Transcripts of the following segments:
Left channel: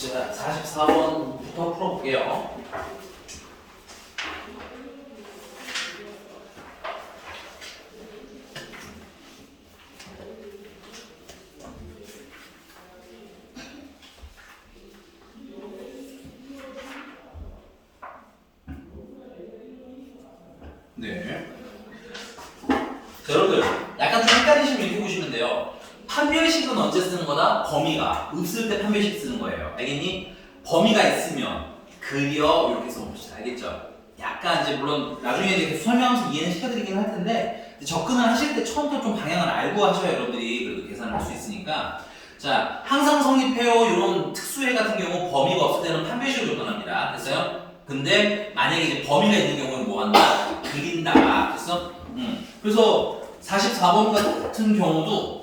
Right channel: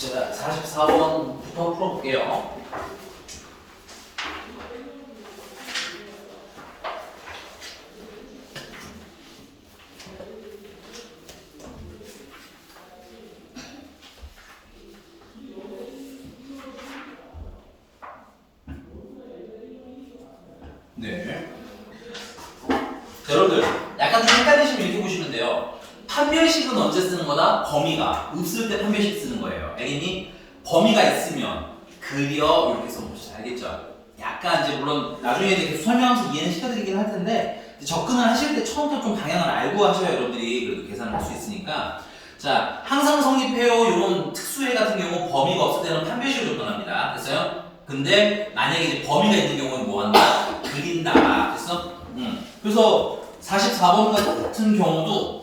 자, 44번부터 풀어볼게요. 네. 자, 여러분들 약간 좀 헷갈리시면 이렇게 보시면 돼요. 판별식은 언제 쓰는 거다? 범위가 없을 때 판별식 쓰는 거예요. 알겠니? 범위가 있으면 그려 이렇게 써봅시다. 알겠죠? 약간 이제 물론 나중에 이제 계속 설명하면서 이해는 시켜드리긴 할 텐데 접근을 하실 때 처음부터 좀 방향을 알고 하셔야 여러분들이 그래도 계산을 할 수 있으니까. 자, 항상 성립해요. 이런 특수해 같은 경우 범위가 없을 때는 판별식으로 접근합니다. 됐어요? 근데 만약에 이제 범위가 있는 경우는 뭐 한다? 그린다. 됐어? 그래서 44번 같은 경우도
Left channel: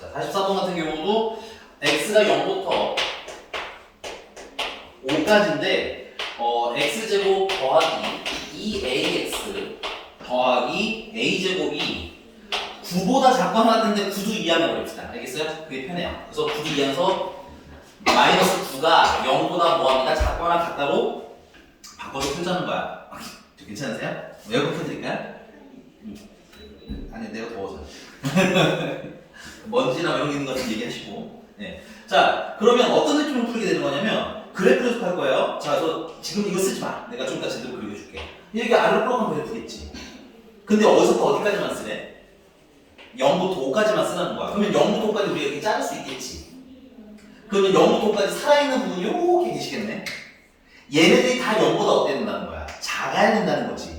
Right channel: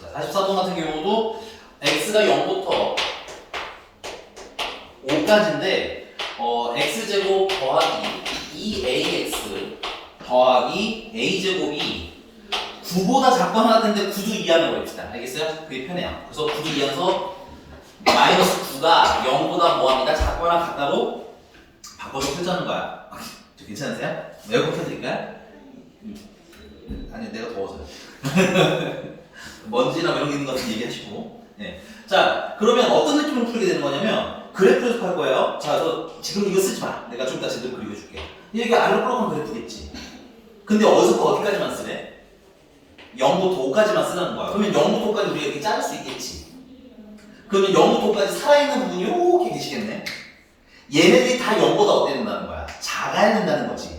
자, 44번 같은 경우도 x가 0부터 5까지인데 x제곱 더하기 2ax 더하기 a제곱이 9보다 작거나 같은데 9도 이하라고 해봅시다. 알겠어요? 그게 편해요. 그래서 9도 이하서 마이너스 9가 0보다 뭐합니다? 작거나 같다고 바꿔서 풀자는 거야. 괜찮으세요? 에어컨 켜드릴까요? 아니, 내가 더워서. 먼지나 이런 게 있는 것 같은 얘기하시고. 네. 자, 그러면 어떤 느낌으로 풀게 되는 거냐면 그래프 연습할 거예요. 자, 너 지금 이거 쓰지 마. 내가 좀 이따 제대로 그려줄게. 여기 아래로 끌어가면 그래프겠지. 근데 어디서부터 어디까지만 쓰래? 0부터 5까지만 쓰라는 거야. 그러면 0부터 5까지 우리가 이렇게 자를 수 있겠지. 그러면 0부터 5까지 살아있는 부분이 이렇게 계시겠네. 얘네들이 다 0보다 어때야 된다는 거야? 작아야 된다는 거지.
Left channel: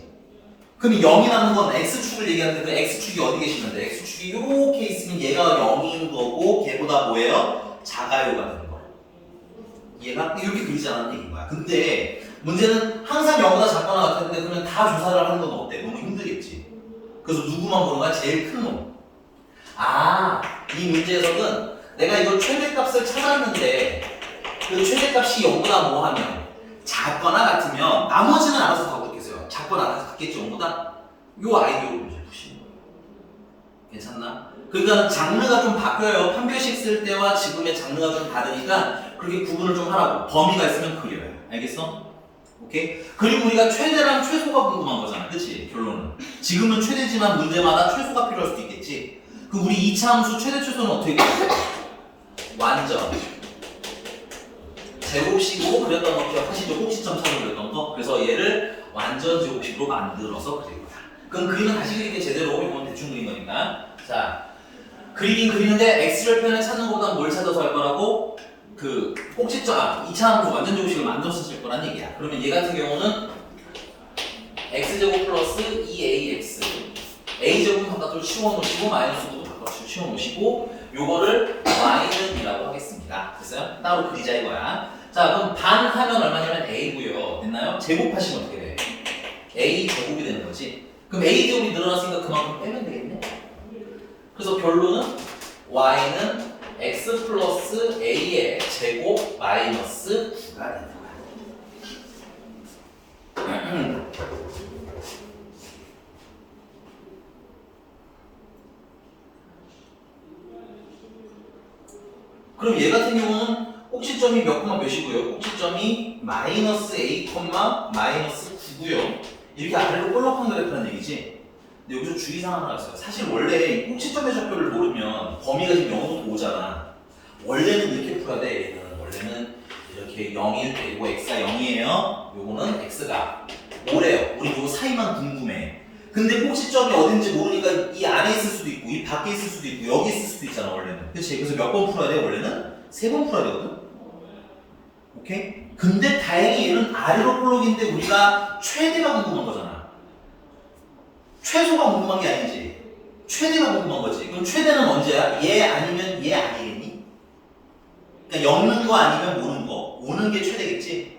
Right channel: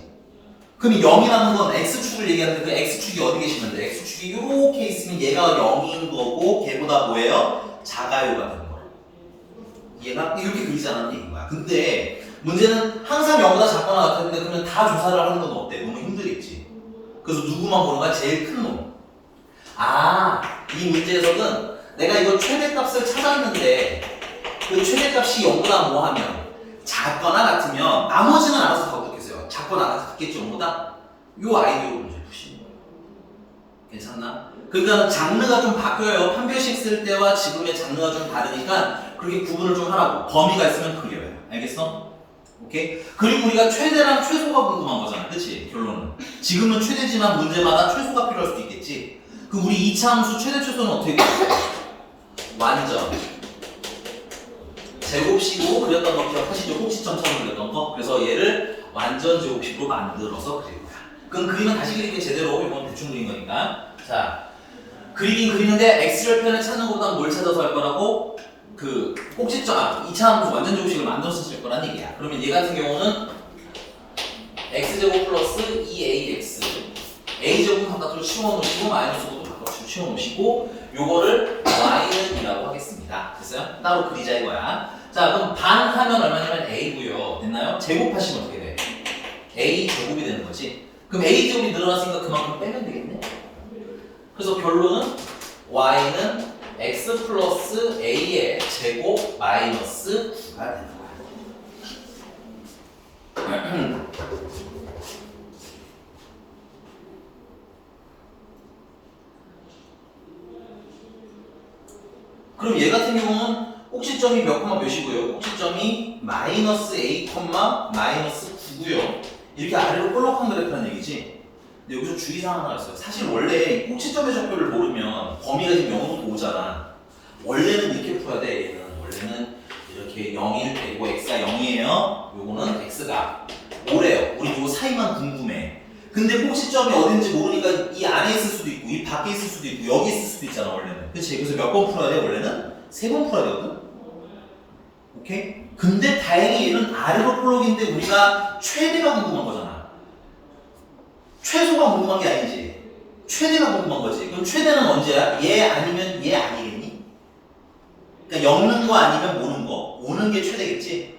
그럼 0이라는 건 x축을 얘기하는데 그 x축이 어디 계시면 돼? x축이 이렇게 있으면 얘가 0인 거고 걔보다 뭐예요? 작아요가 되는 거야. 얘가 이렇게 그리자는 얘기인 거야. 근데 문제는 항상 0보다 작거나 같았는데 그러면 다 조사를 하는 건 어때? 너무 힘들겠지. 그래서 누구만 보는 거야? 제일 큰 놈. 아, 이 문제에서는 내가 이거 최대값을 찾았는데 그 최대값이 0보다 뭐 하면 작거나 같으면 나머지는 알아서 바꾸겠어요. 작거나 같겠지 0보다? 요 아이디어로 이제 푸시는 거예요. 괜찮나? 그러니까 장르가 좀 바뀌어요. 판별식 쓸 때와 지금의 장르가 좀 다르니까 그렇게 구분을 좀 하라고. 범위가 있으면 그려요. 알겠어? 오케이? 그리고 우리가 최대랑 최소가 궁금한 거잖아. 그치? 결론은. 지금은 최대지만 문제마다 최소가 필요할 수도 있겠지. 그럼 우리 2차 함수 최대 최소는 어떻게 그려요? 완전. 제곱식으로 그렸던 거 기억하시죠? 꼭지점처럼 그렸던 거. 그래서 얘를 완전 제곱식으로 만들어서 그릴 거야. 그럼 그림은 다시 그리기 제대로 이건 대충 그린 거니까. 자, 그리긴 그리는데 x절편을 찾는 것보다 뭘 찾아서 할 거라고? 그 꼭지점, 2차 함수 완전 제곱식을 만들어서 쓸 거란 얘기야. 그러면 얘 같은 경우는 x제곱 플러스 2ax a제곱 바깥으로 치워놓으시고 마이너스도 바깥으로 치워놓으시고 요거를 y는 이라고 하겠습니다. 됐어요? 따로 그리자 이거야. 자, 그럼 반 하면 얼마냐면 a고요. 됐나요? 제곱하시면 어떻게 돼? a 제곱이 되는 거지. 그럼 a 제곱이 늘어났으니까 그만큼 빼면 되겠네. 그래서 결론은 y는 x 플러스 a의 제곱 마이너스 9가 되는 거야. 그럼 얘 같은 경우는 꼭지점이 몇 콤마 몇이고요? 꼭지점이 마이너스 a 콤마 마이너스 9고요. 이렇게 아래로 볼록한 그래프라는 얘기지. 근데 여기서 주의사항 하나 있어요. 사실 원래 꼭지점의 좌표를 모르면 범위가 지금 0부터 5잖아. 원래는 이렇게 풀어야 돼. 얘는 원래는 이렇게 0일 때고 x가 0이에요. 요거는 x가 5래요. 우리 요거 사이만 궁금해. 근데 꼭지점이 어딘지 모르니까 이 안에 있을 수도 있고 이 밖에 있을 수도 있고 여기 있을 수도 있잖아 원래는. 그치? 그래서 몇 번 풀어야 돼 원래는? 3번 풀어야 되거든? 오케이? 근데 다행히 얘는 아래로 볼록인데 우리가 최대가 궁금한 거잖아. 최소가 궁금한 게 아니지. 최대가 궁금한 거지. 그럼 최대는 언제야? 얘 아니면 얘 아니겠니? 그러니까 엮는 거 아니면 모는 거. 오는 게 최대겠지?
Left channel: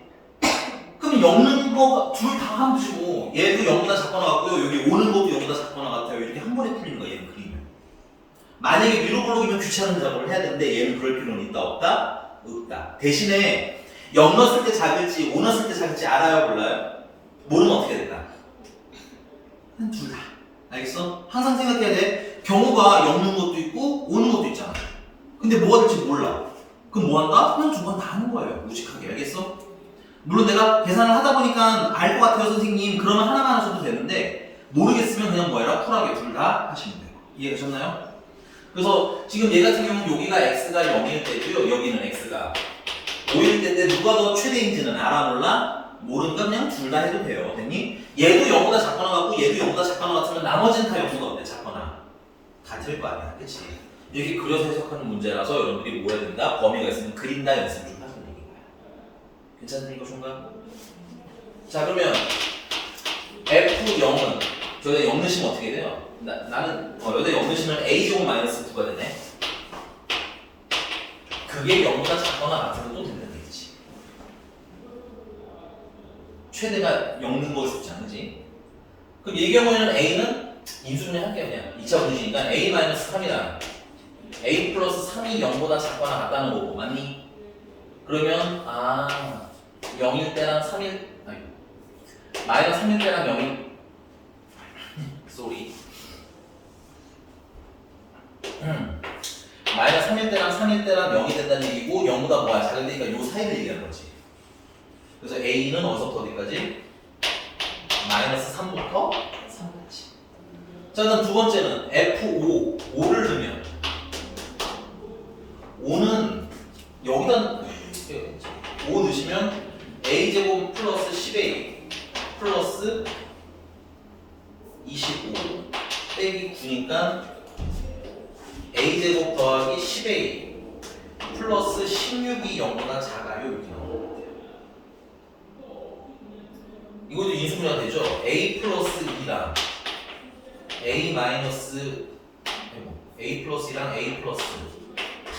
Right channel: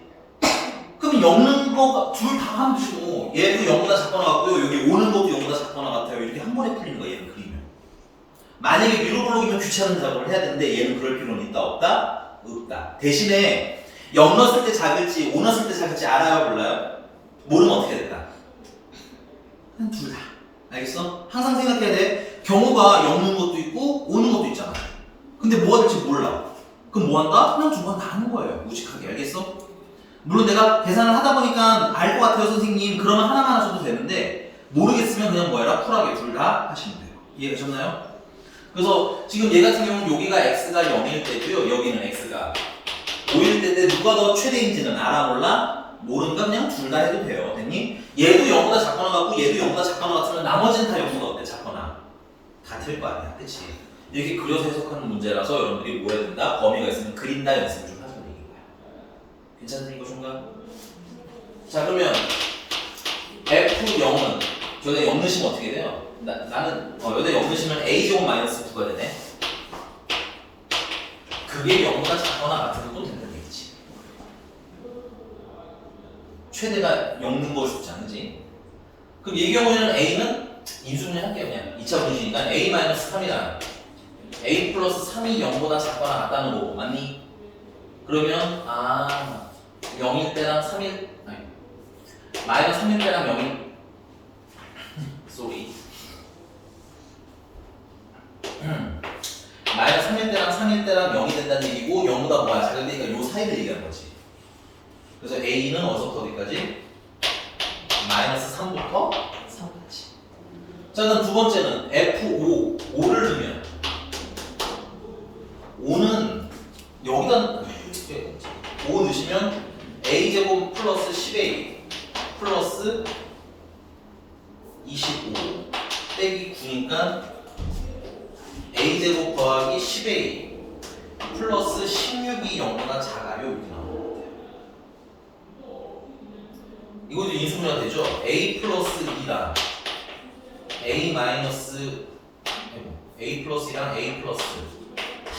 그럼 엮는 거 둘 다 하면 되지 뭐. 얘도 0보다 작거나 같고요. 여기 오는 것도 0보다 작거나 같아요. 이렇게 한 번에 풀리는 거야 얘는 그리면. 만약에 위로 볼록이면 귀찮은 작업을 해야 되는데 얘는 그럴 필요는 있다 없다? 없다. 대신에 0 넣었을 때 작을지 5 넣었을 때 작을지 알아요 몰라요? 모르면 어떻게 될까? 한 둘 다. 알겠어? 항상 생각해야 돼. 경우가 엮는 것도 있고 오는 것도 있잖아. 근데 뭐가 될지 몰라. 그럼 뭐 한다? 그냥 두 번 다 하는 거예요. 무식하게. 알겠어? 물론 내가 계산을 하다 보니까 알 것 같아요, 선생님. 그러면 하나만 하셔도 되는데 모르겠으면 그냥 뭐 해라? 쿨하게 둘 다 하시면 돼요. 이해되셨나요? 그래서 지금 얘 같은 경우는 여기가 x가 0일 때고요. 여기는 x가 5일 때인데 누가 더 최대인지는 알아 몰라? 모르니까 그냥 둘 다 해도 돼요. 됐니? 얘도 0보다 작거나 같고 얘도 0보다 작거나 같으면 나머지는 다 0보다 어때? 작거나 같을 거 아니야. 그치? 이렇게 그려서 해석하는 문제라서 여러분들이 뭐 해야 된다? 범위가 있으면 그린다 연습을 좀 하자는 얘기인 거야. 괜찮은 이거 정가? 자 그러면 F0은 저기다 0 넣으시면 어떻게 돼요? 나는 여기다 0 넣으시면 A제곱 마이너스 9가 되네. 그게 0보다 작거나 같으면 또 된다는 얘기지. 최대가 0 넣은 걸 수지 않지? 그럼 이 경우에는 A는 인수분해 할게요. 그냥 2차 분식이니까 A-3이다. A 플러스 3이 0보다 작거나 같다는 거고 맞니? 그러면 0일 때랑 3일 아니 마이너스 3일 때랑 0일 쏘리 마이너스 3일 때랑 3일 때랑 0이 된다는 얘기고 0보다 뭐가 작을 때니까 요 사이를 얘기하는 거지. 그래서 A는 어디서부터 어디까지? 마이너스 3부터 3까지. 자 그럼 두 번째는 F5 5를 두면 5는 여기다 5 넣으시면 A제곱 플러스 10A 플러스 25 빼기 9니까 A제곱 더하기 10A 플러스 16이 0보다 작아요. 이렇게 나옵니다. 이것도 인수분해가 되죠? A 플러스 2랑 A 마이너스 A 플러스 2랑 A 플러스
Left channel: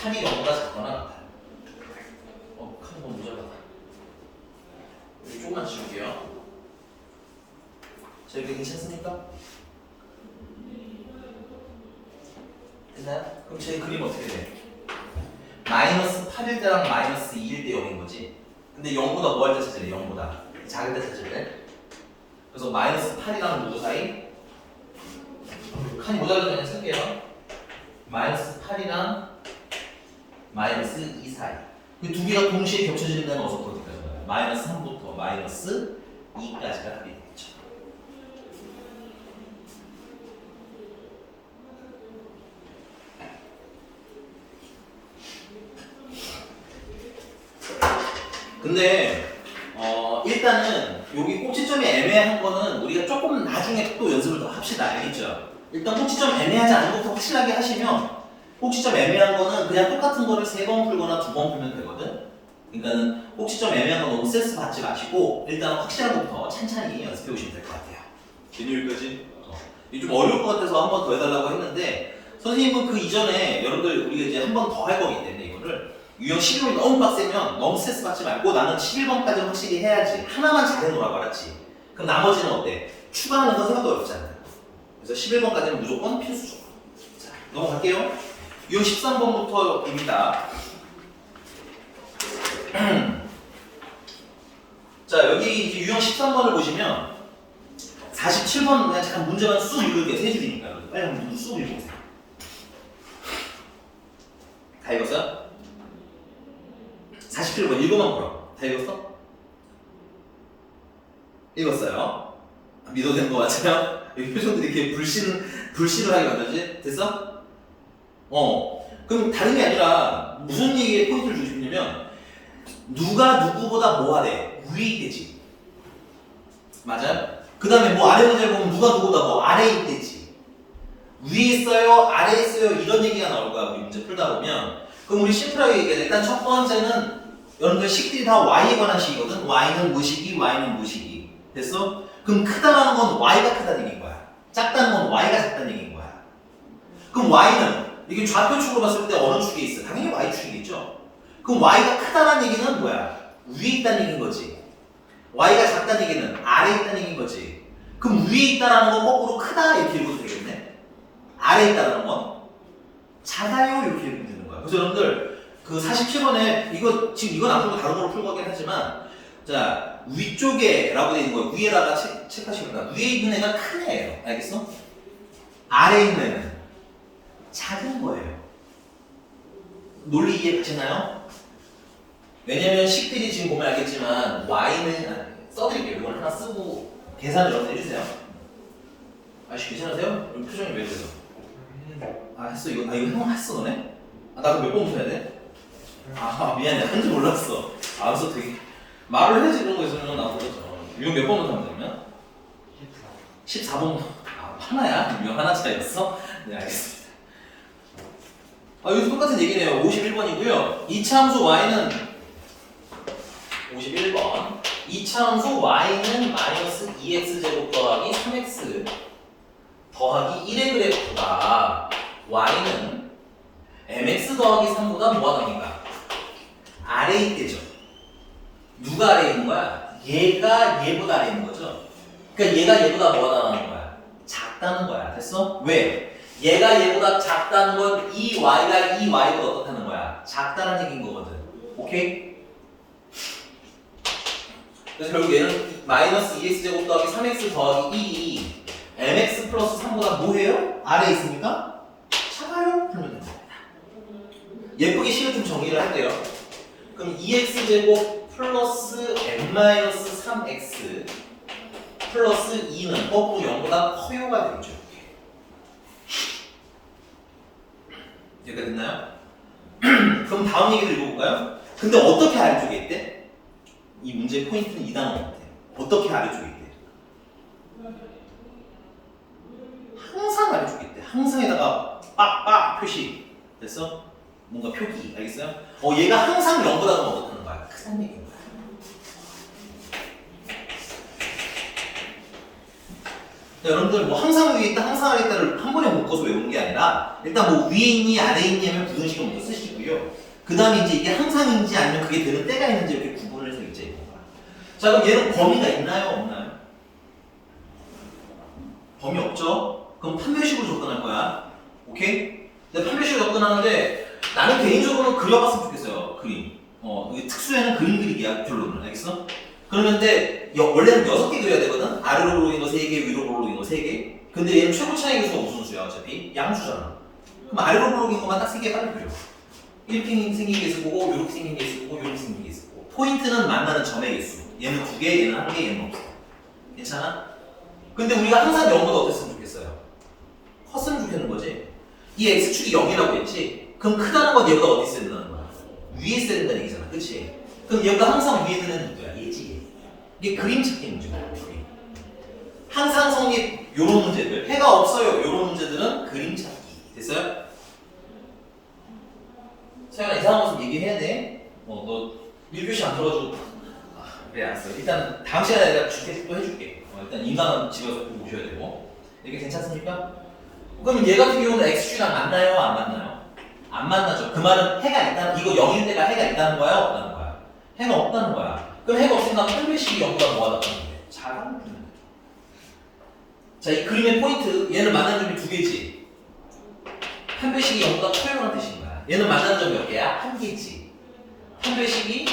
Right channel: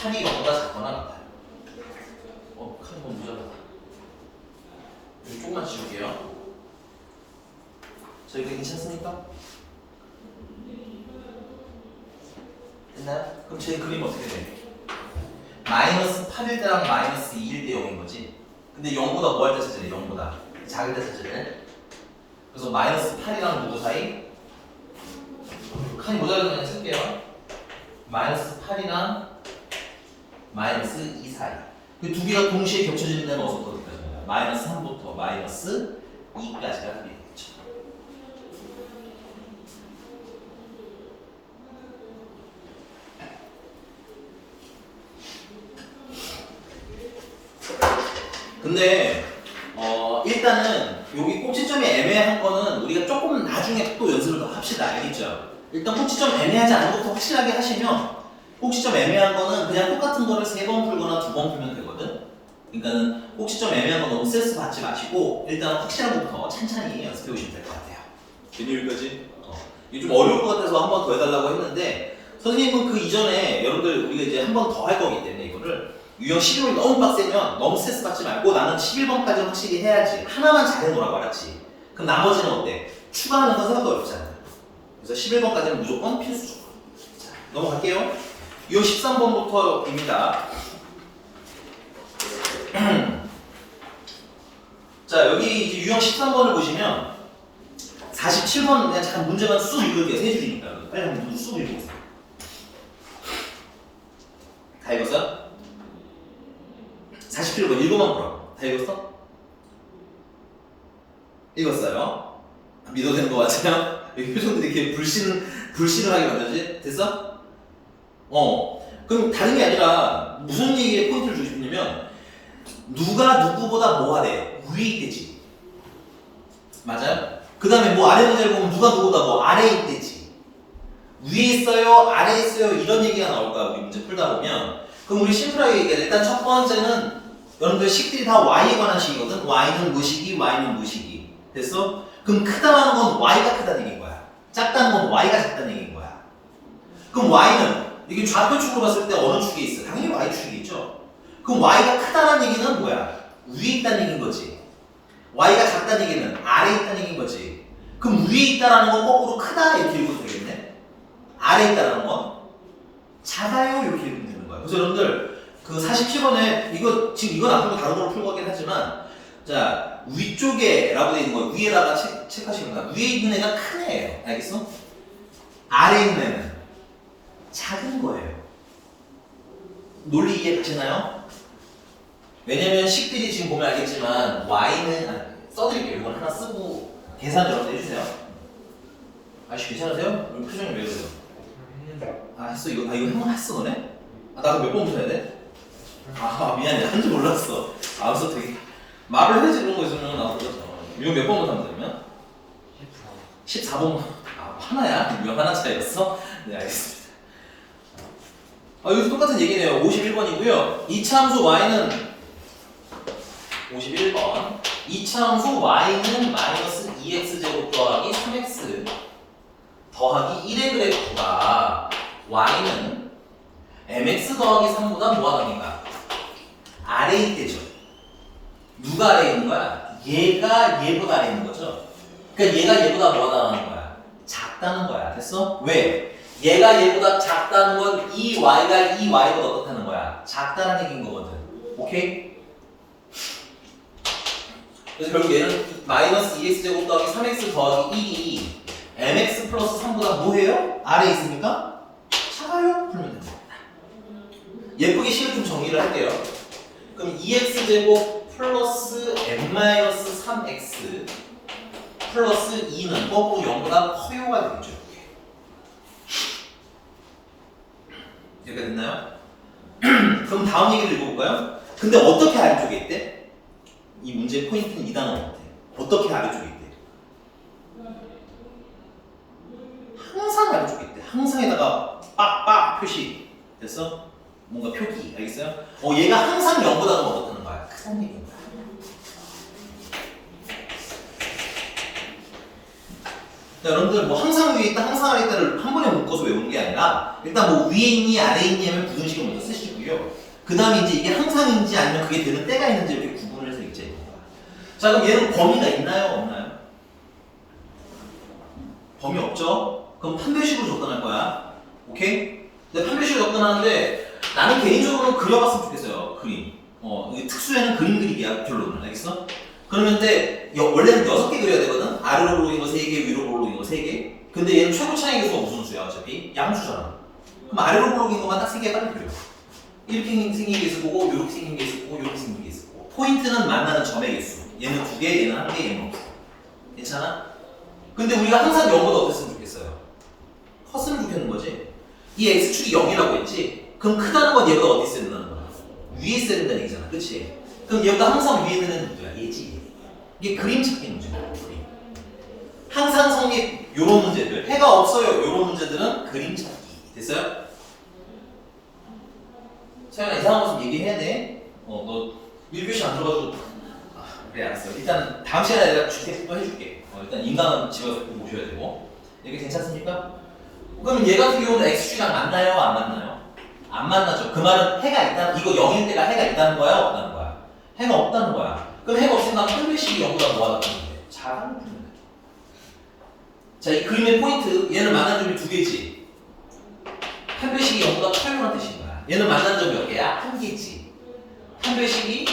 3이 0보다 작거나 같아요. 카드 너무 무잡았다. 이거 조금만 지울게요. 자, 이렇게 괜찮습니까? 됐나요? 그럼 제 그림 어떻게 돼? 마이너스 8일 때랑 마이너스 2일 때 0인 거지. 근데 0보다 뭐 할 때 찾으래? 0보다 작을 때 찾으래. 그래서 마이너스 8이랑 누구 사이? 칸이 모자라면 그냥 쓸게요. 마이너스 8이랑 마이너스 2 사이. 그 두 개가 동시에 겹쳐지는 데는 어디서부터 어디까지? 마이너스 3부터 마이너스 2까지가 답이 되겠죠. 근데 일단은 여기 꼭지점이 애매한 거는 우리가 조금 나중에 또 연습을 더 합시다. 알겠죠? 일단 꼭지점 애매하지 않은 것부터 확실하게 하시면 꼭지점 애매한 거는 그냥 똑같은 거를 3번 풀거나 2번 풀면 되거든. 그러니까는 꼭지점 애매한 거 너무 스트레스 받지 마시고 일단 확실한 것부터 찬찬히 연습해 보시면 될 것 같아요. 여기까지? 이게 좀 어려울 것 같아서 한 번 더 해달라고 했는데 선생님은 그 이전에 여러분들 우리가 이제 한 번 더 할 거기 때문에 이거를 유형 11번이 너무 빡세면 너무 스트레스 받지 말고 나는 11번까지는 확실히 해야지. 하나만 잘해놓으라고 알았지? 그럼 나머지는 어때? 추가하는 건 생각도 어렵지 않아요. 그래서 11번까지는 무조건 필수 조건. 자, 넘어갈게요. 유형 13번부터입니다. 자, 여기 이제 유형 13번을 보시면 47번 그냥 잠깐 문제만 쑥 읽을게요. 세 줄이니까. 빨리 한번 쑥 읽어보세요. 다 읽었어요? 47번 읽어만 보라. 다 읽었어? 읽었어요? 믿어도 되는 거 맞아요? 여기 표정들이 이렇게 불신을 하게 만들지? 됐어? 그럼 다른 게 아니라 무슨 얘기에 포인트를 주고 싶냐면 누가 누구보다 뭐 하래? 위에 있겠지. 맞아요? 그 다음에 뭐 아래 문제를 보면 누가 누구보다 뭐 아래에 있겠지. 위에 있어요? 아래에 있어요? 이런 얘기가 나올 거야. 우리 문제 풀다 보면. 그럼 우리 심플하게 얘기해. 일단 첫 번째는 여러분들 식들이 다 y에 관한 식이거든. y는 무식이, y는 무식이. 됐어? 그럼 크다라는 건 y가 크다는 얘기인 거야. 작다는 건 y가 작다는 얘기인 거야. 그럼 y는 이게 좌표축으로 봤을 때 어느 축에 있어? 당연히 y축이 있죠. 그럼 y가 크다는 얘기는 뭐야? 위에 있다는 얘기인 거지. y가 작다는 얘기는 아래에 있다는 얘기인 거지. 그럼 위에 있다라는 건 거꾸로 크다 이렇게 읽어도 되겠네. 아래에 있다라는 건 작아요 이렇게 읽으면 되는 거야. 그래서 여러분들 그 47번에 이거 지금 이건 안 풀고 다른 걸로 풀고 하긴 하지만 자, 위쪽에 라고 되어 있는 거 위에다가 체크하시면 됩니다. 위에 있는 애가 큰 애예요. 알겠어? 아래에 있는 애는 작은 거예요. 논리 이해가시나요? 왜냐면 식들이 지금 보면 알겠지만 y는 써드릴게요. 이걸 하나 쓰고 계산을 여러분 해주세요. 아씨 괜찮으세요? 여기 표정이 왜 그래요? 했어 이거 이거 형 했어 너네? 나도 몇 번부터 해야 돼? 미안해 한지 몰랐어. 그래서 되게 말을 해야지 그런 거 있으면 나도 이거 몇 번부터 하면 되면? 14번. 하나야? 몇 하나 차이였어? 네 알겠습니다. 여기서 똑같은 얘기네요. 51번이고요. 이차함수 y는 51번. 이차함수 y는 마이너스 2x제곱 더하기 3x 더하기 1의 그래프가 y는 mx 더하기 3보다 뭐가 답니까? 아래에 있대죠. 누가 아래에 있는 거야? 얘가 얘보다 아래에 있는 거죠. 그러니까 얘가 얘보다 뭐가 나가는 거야? 작다는 거야. 됐어? 왜? 얘가 얘보다 작다는 건 이 y가 이 y보다 어떻다는 거야? 작다는 얘기인 거거든. 오케이? 그래서 결국 얘는 마이너스 2x제곱 더하기 3x 더하기 2이 mx 플러스 3보다 뭐해요? 아래에 있으니까 작아요? 풀면 됩니다. 예쁘게 식을 좀 정리를 할게요. 그럼 2x제곱 플러스 m-3x 플러스 2는 거꾸로 0보다 커요가 되죠. 여기가 됐나요? 그럼 다음 얘기를 읽어볼까요? 근데 어떻게 아래쪽에 있대? 이 문제의 포인트는 이 단어 같아. 어떻게 아래쪽에 있대? 항상 아래쪽에 있대. 항상에다가 빡빡 표시 됐어? 뭔가 표기 알겠어요? 얘가 항상 0보다 더 어떻다는 거야? 크다는 얘기인 거야. 자, 여러분들 뭐 항상 위에 있다, 항상 아래 있다를 한 번에 묶어서 외우는 게 아니라 일단 뭐 위에 있니, 아래에 있니 하면 부등식을 먼저 쓰시고요. 그 다음에 이제 이게 항상인지 아니면 그게 되는 때가 있는지 이렇게 구분을 해서 읽자 이거야. 자, 그럼 얘는 범위가 있나요, 없나요? 범위 없죠? 그럼 판별식으로 접근할 거야. 오케이? 근데 판별식으로 접근하는데 나는 개인적으로 그려봤으면 좋겠어요. 그림. 이게 특수에는 그림 그리기야, 결론은. 알겠어? 그러는데 원래는 6개 그려야 되거든? 아래로 볼록인 거 3개, 위로 볼록인 거 3개. 근데 얘는 최고 차이 계수가 무슨 수야, 어차피? 양수잖아. 그럼 아래로 볼록인 것만 딱 3개 빨리 그려. 이렇게 생긴 개수 보고, 요렇게 생긴 개수 보고, 요렇게 생긴 개수 보고. 포인트는 만나는 점의 개수. 얘는 2개, 얘는 1개, 얘는 없어. 괜찮아? 근데 우리가 항상 0보다 어땠으면 좋겠어요? 컸으면 좋겠는 거지. 이 x축이 0이라고 했지? 그럼 크다는 건 얘보다 어디 있어야 된다는 거야? 위에 있어야 된다는 얘기잖아. 그치? 그럼 얘보다 항상 위에 있는 애는 누구야? 얘지. 이게 그림 찾기 문제야. 그림. 항상 성립 요런 문제들. 해가 없어요. 요런 문제들은 그림 찾기. 됐어요? 서연아 이상한 거 좀 얘기해야 돼. 너 밀교시 안 들어가지고. 그래 알았어. 일단 다음 시간에 내가 주택도 해줄게. 일단 인강은 집에서 꼭 오셔야 되고. 이게 괜찮습니까? 그럼 얘 같은 경우는 x축이랑 만나요? 안 만나요? 안 만나죠. 그 말은 해가 있다는, 이거 0일 때가 해가 있다는 거야? 없다는 거야? 해가 없다는 거야. 그럼 해가 없으니까 판별식이 0보다 뭐가 낫다는데? 작은 편이다. 자, 이 그림의 포인트, 얘는 만나는 점이 2개지. 판별식이 0보다 커요라는 뜻인 거야. 얘는 만나는 점이 몇 개야? 1개지. 판별식이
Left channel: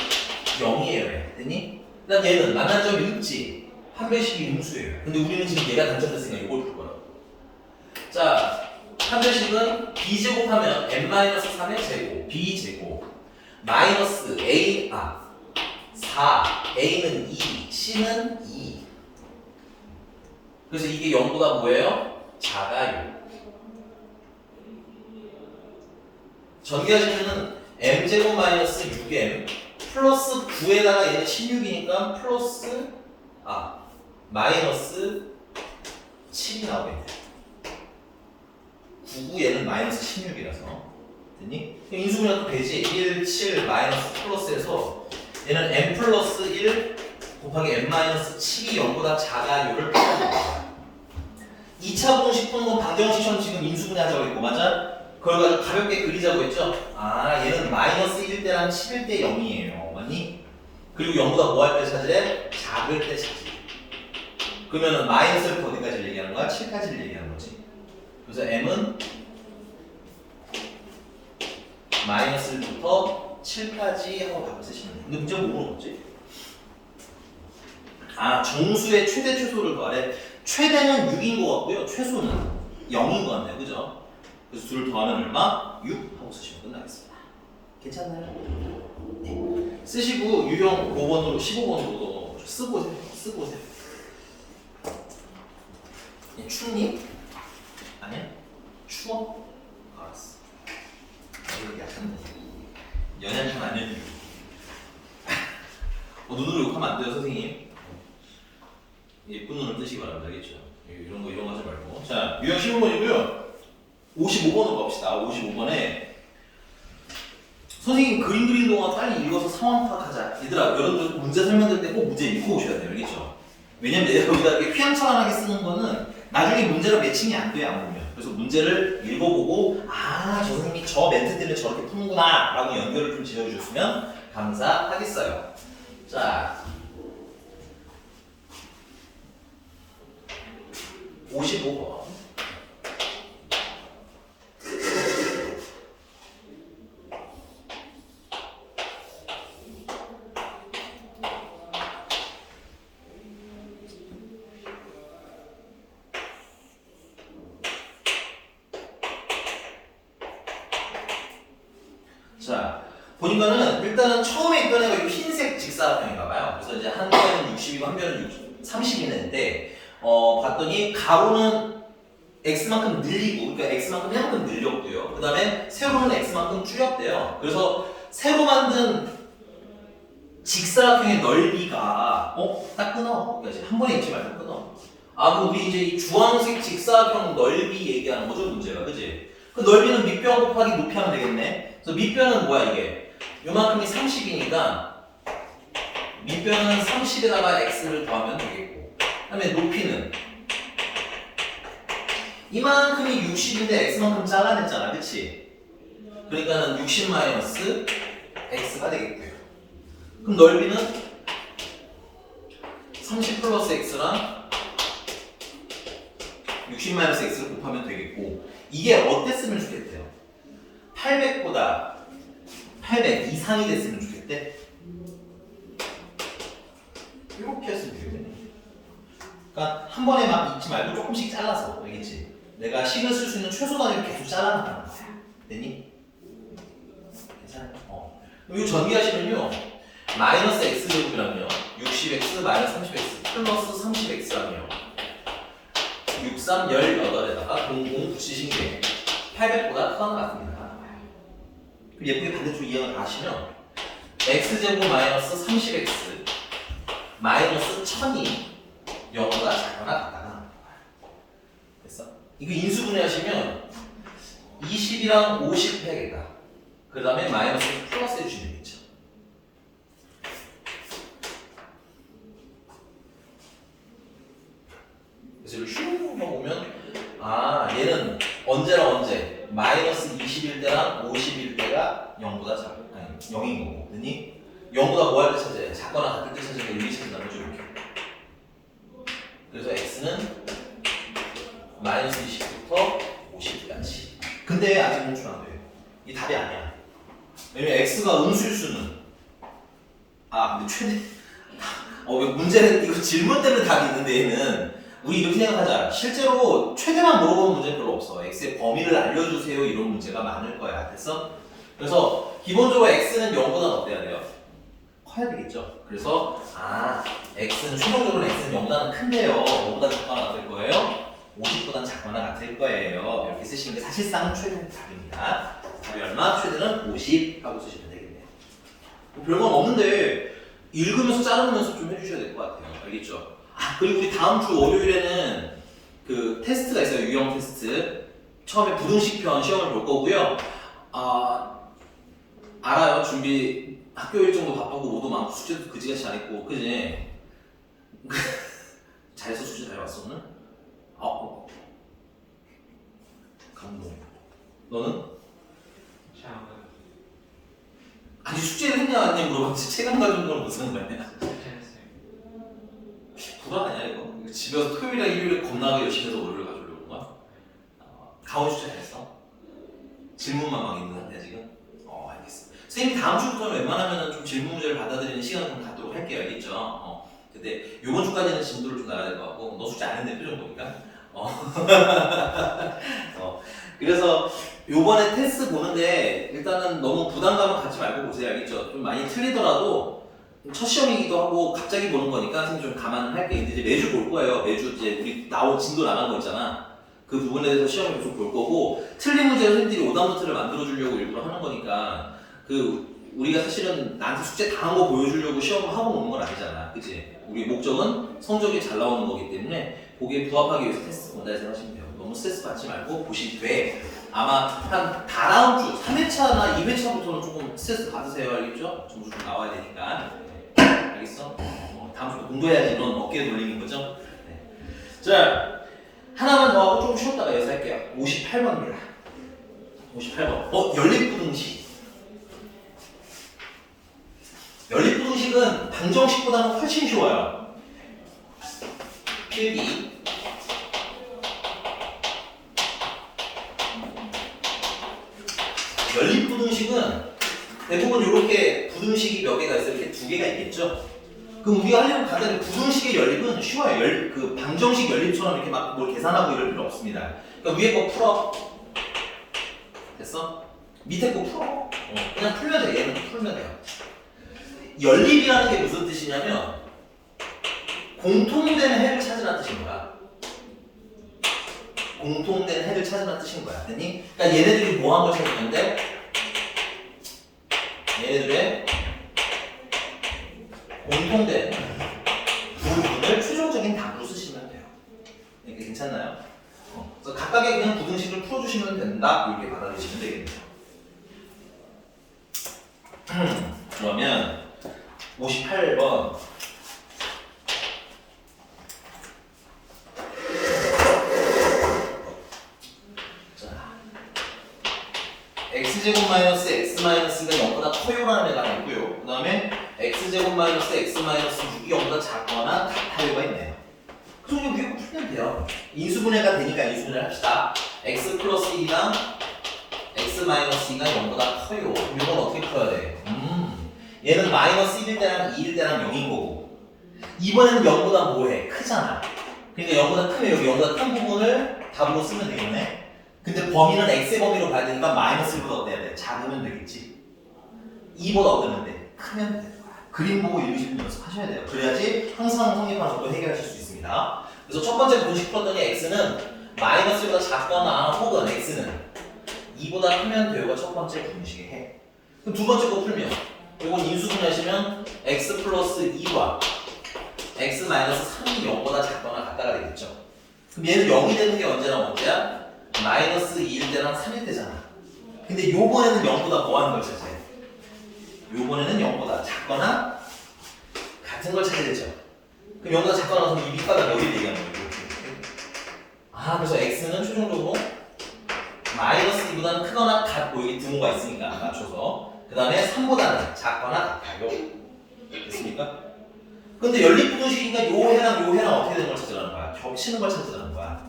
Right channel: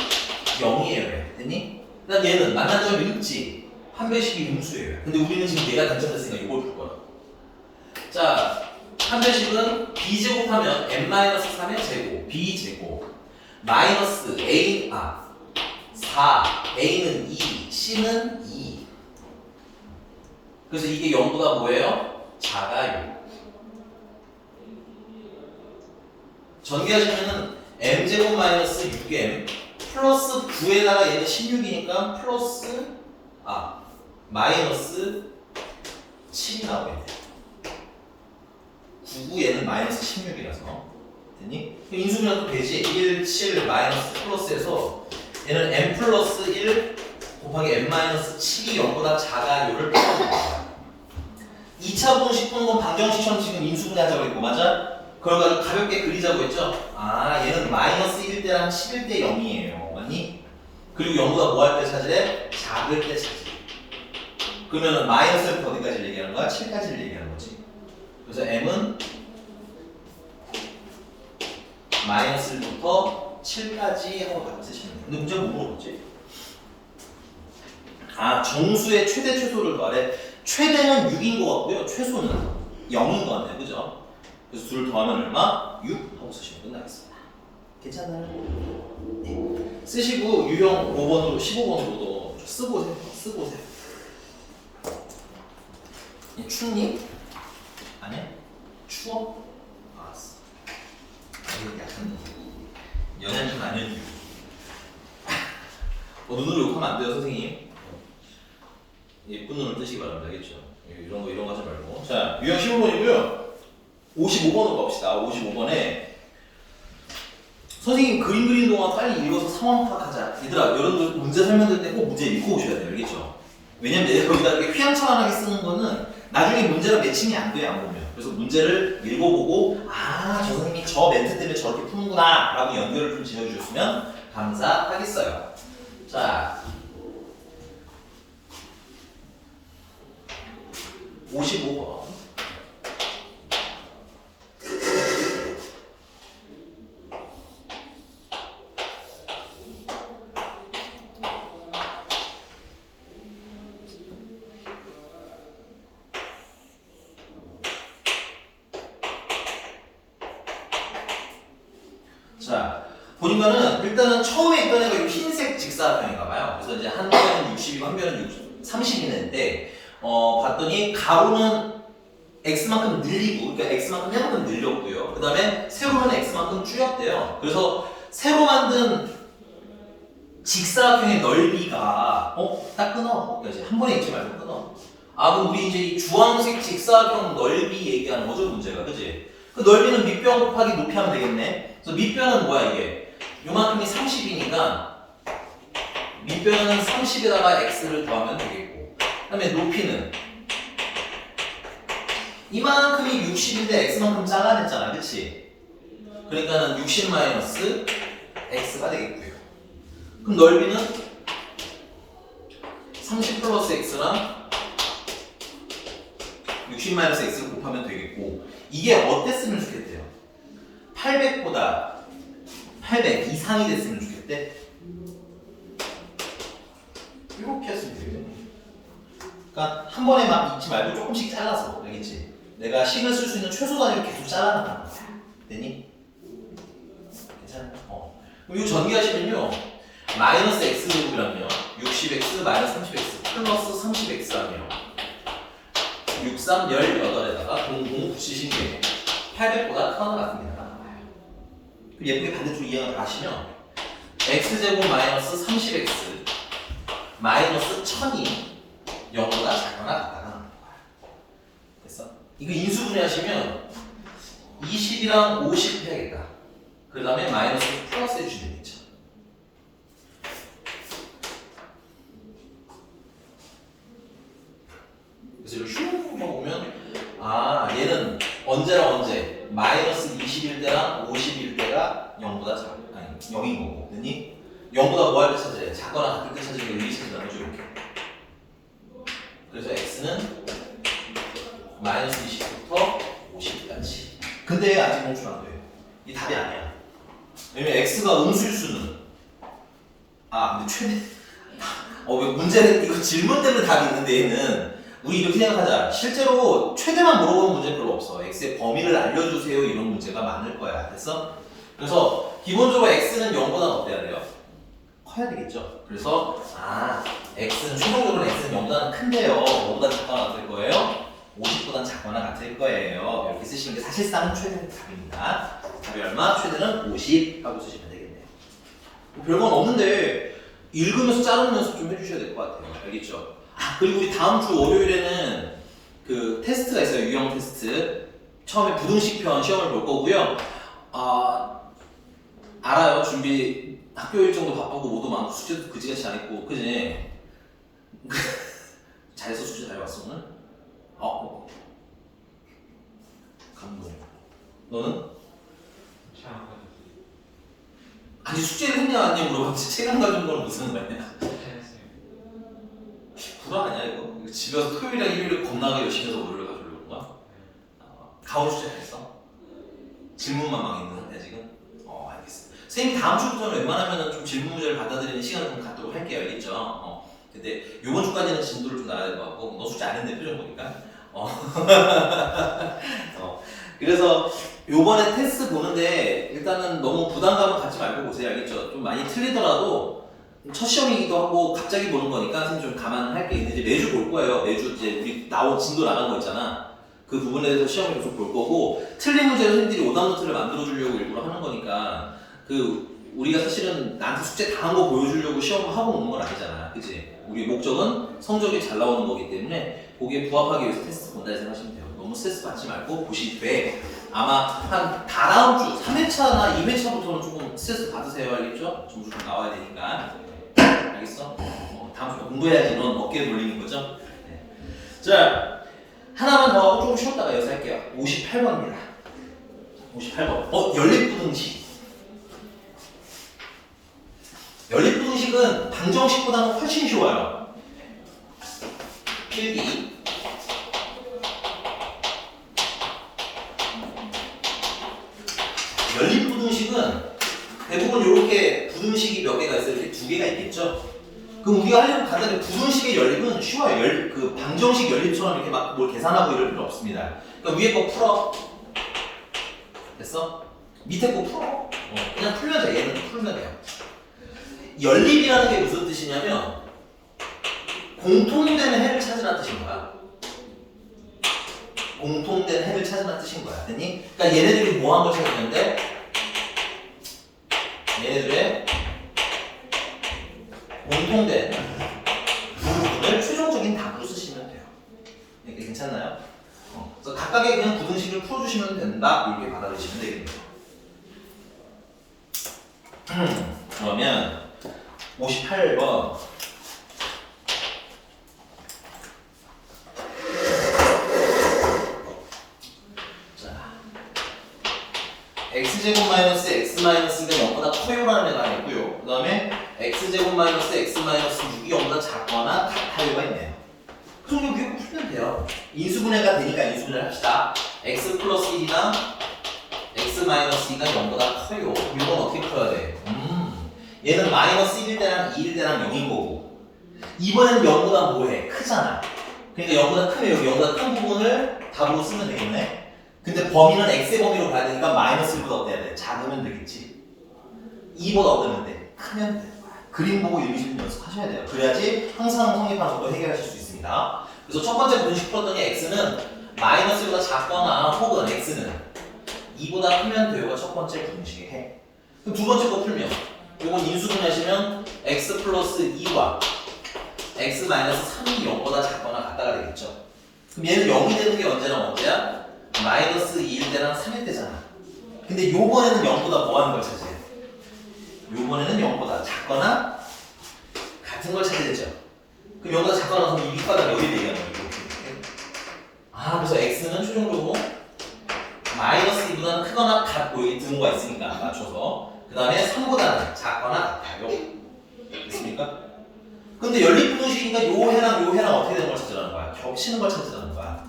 0이에요. 됐니? 그다음 얘는 만나는 점이 있지. 판별식이 음수예요. 근데 우리는 지금 얘가 단점됐으니까 이걸 볼 거야. 자, 판별식은 b제곱하면 n-3의 제곱, b제곱 마이너스 a, 4, a는 2, c는 2. 그래서 이게 0보다 뭐예요? 작아요. 전개하시면은 m제곱 마이너스 6m 플러스 9에다가 얘는 16이니까 플러스 마이너스 7이 나오겠네. 9구 얘는 마이너스 16이라서 됐니? 인수분해도 되지. 1, 7 마이너스 플러스에서 얘는 m 플러스 1 곱하기 m 마이너스 7이 0보다 작아요를 풀어보는 거야. 2차 공식 푸는 건 방정식처럼 지금 인수분해하자고 했고 맞아? 그걸 가지고 가볍게 그리자고 했죠? 얘는 마이너스 1 때랑 11대 0이에요. 맞니? 그리고 0보다 뭐 할 때 찾으래? 작을 때 찾지. 그러면은 마이너스를 어디까지 얘기하는 거야? 7까지를 얘기하는 거지. 그래서 m은 마이너스 1부터 7까지 하고 답을 쓰시면 돼. 근데 문제가 뭐 물어봤지? 아, 정수의 최대 최소를 더하래. 최대는 6인 것 같고요. 최소는 0인 것 같네요. 그죠? 그래서 둘을 더하면 얼마? 6 하고 쓰시면 끝나겠습니다. 괜찮나요? 네. 쓰시고 유형 5번으로 15번으로 쓰고 오세요. 쓰고 오세요. 춥니? 아니야? 추워? 알았어. 이거 약한데. 연약한 아니면 눈으로 욕하면 안 돼요, 선생님. 예쁜 눈을 뜨시기 바랍니다. 알겠죠? 이런 거 하지 말고. 자, 유형 15번이고요. 55번으로 갑시다. 55번에 선생님 그림 그리는 동안 빨리 읽어서 상황 파악하자. 얘들아, 여러분들 문제 설명될 때 꼭 문제 읽고 오셔야 돼요. 알겠죠? 왜냐면 내가 여기다 이렇게 휘황찬란하게 쓰는 거는 나중에 문제가 매칭이 안 돼요, 안 보면. 그래서 문제를 읽어보고 아, 저 선생님이 저 멘트 때문에 저렇게 푸는구나 라고 연결을 좀 지어주셨으면 감사하겠어요. 자, 55번. 자, 보니까는 일단은 처음에 있던 애가 이 흰색 직사각형인가 봐요. 그래서 이제 한 변은 60이고 한 변은 30이는데 봤더니 가로는 x만큼 늘리고, 그러니까 x만큼 해만큼 늘렸고요. 그 다음에 세로는 x만큼 줄였대요. 그래서 새로 만든 직사각형의 넓이가 딱 끊어. 그러니까 한 번에 읽지 말고 끊어. 아, 그럼 우리 이제 이 주황색 직사각형 넓이 얘기하는 거죠, 문제가. 그지? 그 넓이는 밑변 곱하기 높이 하면 되겠네. 그래서 밑변은 뭐야, 이게? 요만큼이 30이니까 밑변은 30에다가 x를 더하면 되겠고, 그 다음에 높이는 이만큼이 60인데 x만큼 잘라냈잖아, 그치? 그러니까는 60 마이너스 x가 되겠고요. 그럼 넓이는 30 플러스 x랑 60 마이너스 x를 곱하면 되겠고, 이게 어땠으면 좋겠대요? 800보다 800 이상이 됐으면 좋겠대. 이렇게 했으면 되겠네. 그러니까 한 번에 막 읽지 말고 조금씩 잘라서, 알겠지? 내가 식을 쓸 수 있는 최소 단위를 계속 잘라나가는 거야. 됐니? 괜찮아? 그럼 이거 전개하시면요, 마이너스 x제곱이라면요, 60x 마이너스 30x 플러스 30x라며 63, 18에다가 00 붙이신 게 800보다 커는 것 같습니다. 예쁘게 반대쪽 이항을 다 하시면 x제곱 마이너스 30x 마이너스 1000이 0보다 작거나 같다가 나옵니다. 됐어? 이거 인수분해 하시면 20이랑 50 해야겠다. 그 다음에 마이너스 플러스 해주시면 되겠죠. 그래서 이거 슈퍼만 보면 아, 얘는 언제랑 언제 마이너스 21 때랑 51 때가 0보다 작아. 아니 0인 거고, 됐니? 0보다 뭐 할 때 찾아야 돼? 작거나 같을 때 찾을 때 의미 찾는다는 거죠, 이렇게. 그래서 x는 마이너스 20부터 50까지. 근데 아직 공출 안 돼요. 이 답이 아니야. 왜냐면 x가 음수일수는 근데 최대 왜 문제는 이거 질문 때문에 답이 있는데, 얘는 우리 이렇게 생각하자. 실제로 최대만 물어보는 문제는 별로 없어. x의 범위를 알려주세요, 이런 문제가 많을 거야. 됐어? 그래서 기본적으로 x는 0보다 어때야 돼요? 커야 되겠죠. 그래서 x는 최종적으로 x는 0보다는 큰데요, 5보다 작거나 같을 거예요, 50보다 작거나 같을 거예요. 이렇게 쓰시는 게 사실상 최대 답입니다. 답이 얼마? 최대는 50 하고 쓰시면 되겠네요. 별건 없는데 읽으면서 자르는 연습 좀 해주셔야 될 것 같아요. 알겠죠? 그리고 우리 다음 주 월요일에는 그 테스트가 있어요. 유형 테스트. 처음에 부등식편 시험을 볼 거고요. 알아요. 준비 학교 일정도 바쁘고 모두 많고 숙제도 그지같이 안 했고, 그지? 잘해서 숙제 잘 봤어 오늘? 감동. 너는? 아니 숙제를 했냐 안 했냐 물어봤지. 체감 가진 건 무슨 말이야? 불안 아니야 이거? 집에 와서 토요일이랑 일요일에 겁나게 열심히 해서 월요일 가져오려고 거야? 가오 숙제 했어? 질문만 막 있는데 지금? 알겠어. 선생님이 다음 주부터는 웬만하면 좀 질문 문제를 받아들이는 시간을 좀 갖도록 할게요. 알겠죠? 근데 요번 주까지 2주까지는 진도를 좀 나가야 될 것 같고 너 숙제 안 했네 표정 보니까 그래서 요번에 테스트 보는데 일단은 너무 부담감을 갖지 말고 보세요. 알겠죠? 좀 많이 틀리더라도 첫 시험이기도 하고 갑자기 보는 거니까 선생님 좀 감안할 게 있는지 매주 볼 거예요. 매주 이제 우리 나온 진도 나간 거 있잖아. 그 부분에 대해서 시험을 계속 볼 거고 틀린 문제로 선생님들이 오답노트를 만들어 주려고 일부러 하는 거니까 우리가 사실은 나한테 숙제 다 한 거 보여주려고 시험을 하고 오는 건 아니잖아. 그치? 우리 목적은 성적이 잘 나오는 거기 때문에 거기에 부합하기 위해서 테스트 본다 생각하시면 돼요. 너무 스트레스 받지 말고 보시되 아마 한 다다음 주 3회차나 2회차부터는 조금 스트레스 받으세요. 알겠죠? 점수 좀 나와야 되니까. 알겠어? 다음 주부터 공부해야지 넌 어깨에 돌리는 거죠? 네. 자, 하나만 더 하고 조금 쉬었다가 여기서 할게요. 58번입니다. 58번. 연립부등식. 연립부등식은 방정식보다는 훨씬 쉬워요. 필기. 연립부등식은 대부분 이렇게 부등식이 몇 개가 있어요. 이렇게 두 개가 있겠죠. 그럼 우리가 하려면 간단히 부등식의 연립은 쉬워요. 그 방정식 연립처럼 이렇게 막 뭘 계산하고 이럴 필요 없습니다. 그러니까 위에 거 풀어. 됐어? 밑에 거 풀어. 그냥 풀면 돼. 얘는 풀면 돼요. 연립이라는 게 무슨 뜻이냐면 공통된 해를 찾으라는 뜻인 거야. 공통된 해를 찾으라는 뜻인 거야. 됐니? 그러니까 얘네들이 뭐 한 걸 찾았는데 얘네들의 공통된 부분을 최종적인 답으로 쓰시면 돼요. 이렇게 괜찮나요? 그래서 각각의 그냥 부등식을 풀어주시면 된다. 이렇게 받아들이시면 되겠네요. 그러면 58번 자 x제곱 마이너스 x 마이너스가 0보다 커요라는 애가 있고요. 그 다음에 x제곱 마이너스 x 마이너스 6이 0보다 작거나 같아요가 있네요. 그 정도 그게 풀면 돼요. 인수분해가 되니까 인수분해를 합시다. x 플러스 1이랑 x 마이너스 2가 0보다 커요. 이건 어떻게 풀어야 돼? 얘는 마이너스 1일 때랑 2일 때랑 0인 거고 이번에는 0보다 뭐해? 크잖아. 그러니까 0보다 크면 여기 0보다 큰 부분을 답으로 쓰면 되겠네. 근데 범위는 x의 범위로 가야 되니까 마이너스 1보다 어때야 돼? 작으면 되겠지. 2보다 어떠면 돼? 크면 돼. 그림 보고 읽으시는 연습하셔야 돼요. 그래야지 항상 성립하는 것도 해결하실 수 있습니다. 그래서 첫 번째 부등식 풀었더니 x는 마이너스 1보다 작거나 혹은 x는 2보다 크면 되요가 첫 번째 부등식의 해. 그럼 두 번째 거 풀면 이건 인수분해하시면 x 플러스 2와 x 마이너스 3이 0보다 작거나 같다가 되겠죠. 그럼 얘는 0이 되는 게 언제야? 마이너스 2일 때랑 3일 때잖아. 근데 요번에는 0보다 뭐 하는 걸 찾아요? 요번에는 0보다 작거나 같은 걸 찾아야죠. 그럼 0보다 작거나 하면 이 밑바닥 여기를 얘기하는 거예요. 그래서 x는 최종적으로 마이너스 2보다는 크거나 같고 여기 등호가 있으니까 맞춰서 그 다음에 3보다는 작거나 같아요. 됐습니까? 근데 연립부등식이니까 요 해랑 어떻게 되는 걸 찾으라는 거야? 겹치는 걸 찾으라는 거야.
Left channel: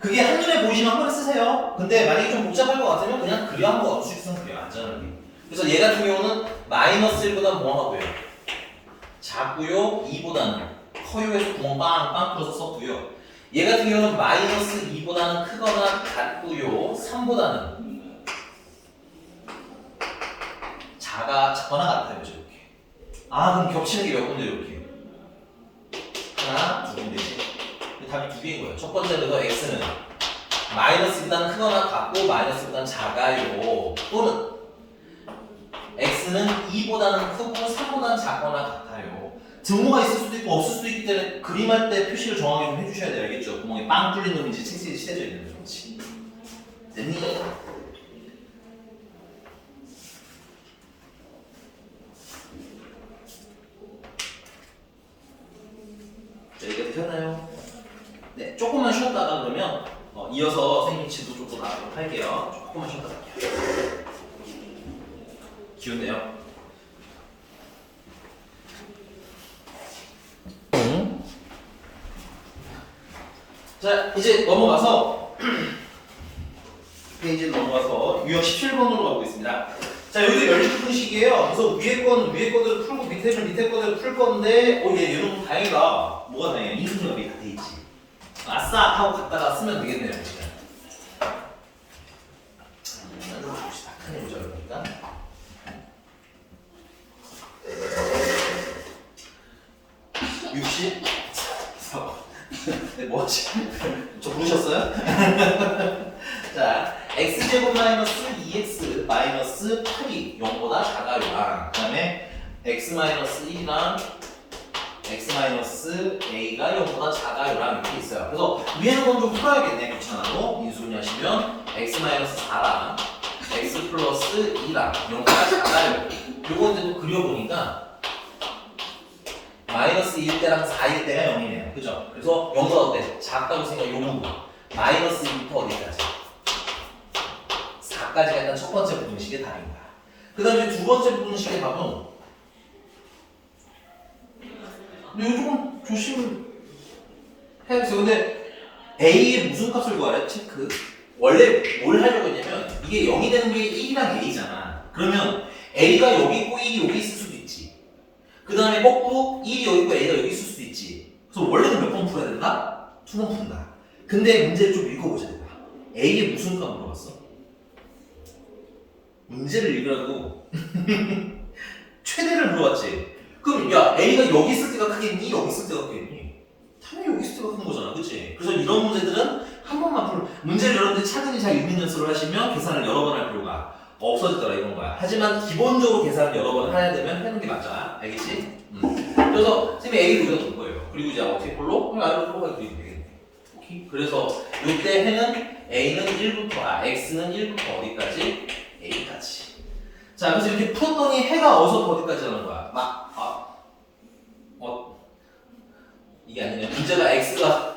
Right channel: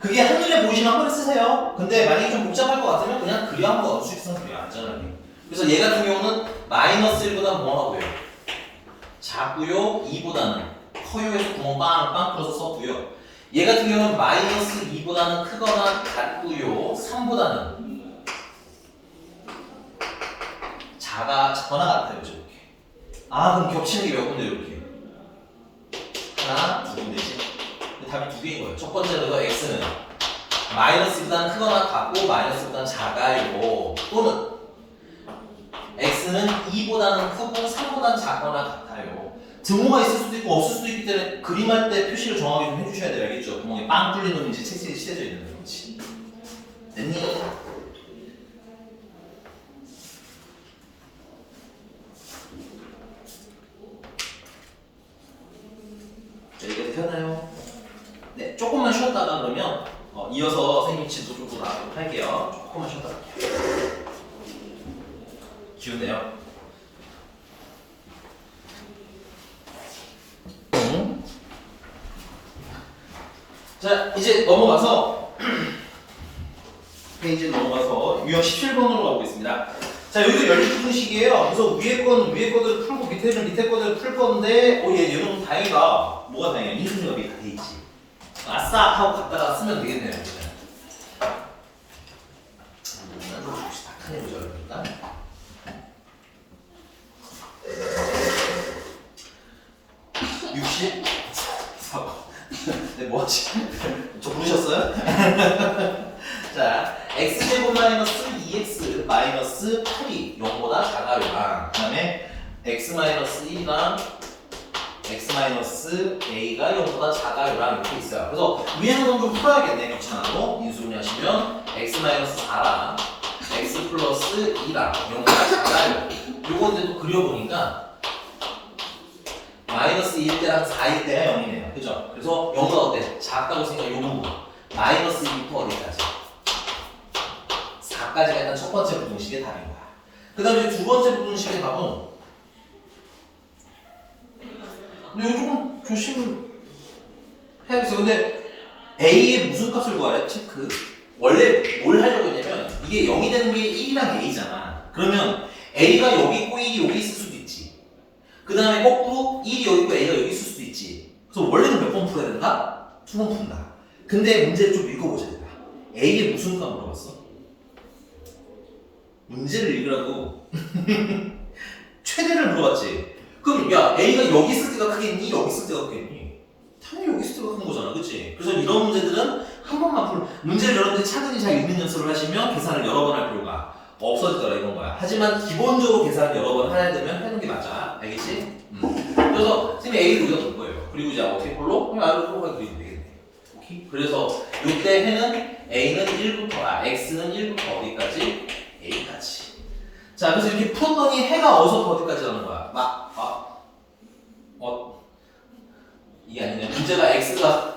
그게 한눈에 보이시면 한 번에 쓰세요. 근데 만약에 좀 복잡할 것 같으면 그냥 그려 한번 수식성 그려 안전하게. 그래서 얘 같은 경우는 마이너스 1보다 뭐 하고요? 작고요. 2보다는 커요 해서 구멍 빵빵 뚫어서 썼고요. 얘 같은 경우는 마이너스 2보다는 크거나 같고요. 3보다는 작거나 같아요. 이렇게. 그럼 겹치는 게 몇 군데 이렇게. 하나, 두 군데지. 답이 두 개인 거예요. 첫 번째는 x는 마이너스보다는 크거나 같고 마이너스보다는 작아요. 또는 x는 2보다는 크고 3보다는 작거나 같아요. 등호가 있을 수도 있고 없을 수도 있기 때문에 그림할 때 표시를 정확히 좀 해주셔야 돼요. 알겠죠? 구멍에 빵 뚫린 놈인지 책실이 칠해져 있는 놈인지. 됐니? 자, 이거 되나요? 네, 조금만 쉬었다가 그러면 이어서 선생님 진도 좀 더 나가도록 할게요. 조금만 쉬었다가 할게요. 기운내요. 자, 이제 넘어가서 페이지 넘어가서 유형 17번으로 가고 있습니다. 자, 여기 연립분식이에요. 그래서 위에 거들을 풀고 밑에 거들을 풀 건데, 얘는 다행이다. 뭐가 다행이야? 인수분해가 다 돼 있지. 아싸! 하고 갔다가 쓰면 되겠네요. 지금. 봅시다. 큰 해보자, 그러니까. 64. 네, 뭐지? 저 부르셨어요? 자, x제곱 마이너스 2x 마이너스 8이 0보다 작아요랑 그 다음에 x 마이너스 1이랑 x 마이너스 a가 0보다 작아요랑 이렇게 있어요. 그래서 위에는 좀 풀어야겠네. 겹쳐나도 인수분해 하시면 x 마이너스 4랑 x 플러스 2랑 0보다 작아요. 요거 이제 또 그려보니까 마이너스 1 때랑 4일 때가 0이네요. 그죠? 그래서 0보다 어때? 작다고 생각해. 요 부분. 마이너스 2부터 어디까지? 4까지가 일단 첫 번째 부등식의 답인 거야. 그 다음에 두 번째 부등식의 답은 근데 이거 조금 조심해야겠어요. 근데 A의 무슨 값을 구하래? 체크. 원래 뭘 하려고 했냐면 이게 0이 되는 게 1이랑 A잖아. 그러면 A가 여기 있고 1이 여기 있을 수도 있지. 그 다음에 거꾸로 1이 여기 있고 A가 여기 있을 수도 있지. 그래서 원래는 몇 번 풀어야 된다? 2번 푼다. 근데 문제를 좀 읽어보셔야 된다. A의 무슨 값 물어봤어? 문제를 읽으라고 최대를 물어봤지. 그럼 야 A가 여기 있을 때가 크겠니? 여기 있을 때가 크겠니? 당연히 여기 있을 때가 큰 거잖아, 그치? 그래서 이런 문제들은 한 번만 문제를 여러분들이 차근히 잘 읽는 연습을 하시면 계산을 여러 번 할 필요가 없어지더라 이건 거야. 하지만 기본적으로 계산을 여러 번 해야 되면 하는 게 맞아. 알겠지? 그래서 선생님이 A를 여기다 둘 거예요. 그리고 이제 어떻게 폴로? 그냥 R로 폴로가 그리면 되겠네. 오케이? 그래서 이때 해는 A는 1부터 X는 1부터 어디까지? A까지. 자, 그래서 이렇게 풀었더니 해가 어디서부터 어디까지 가는 거야? 이게 아니네. 문제가 X가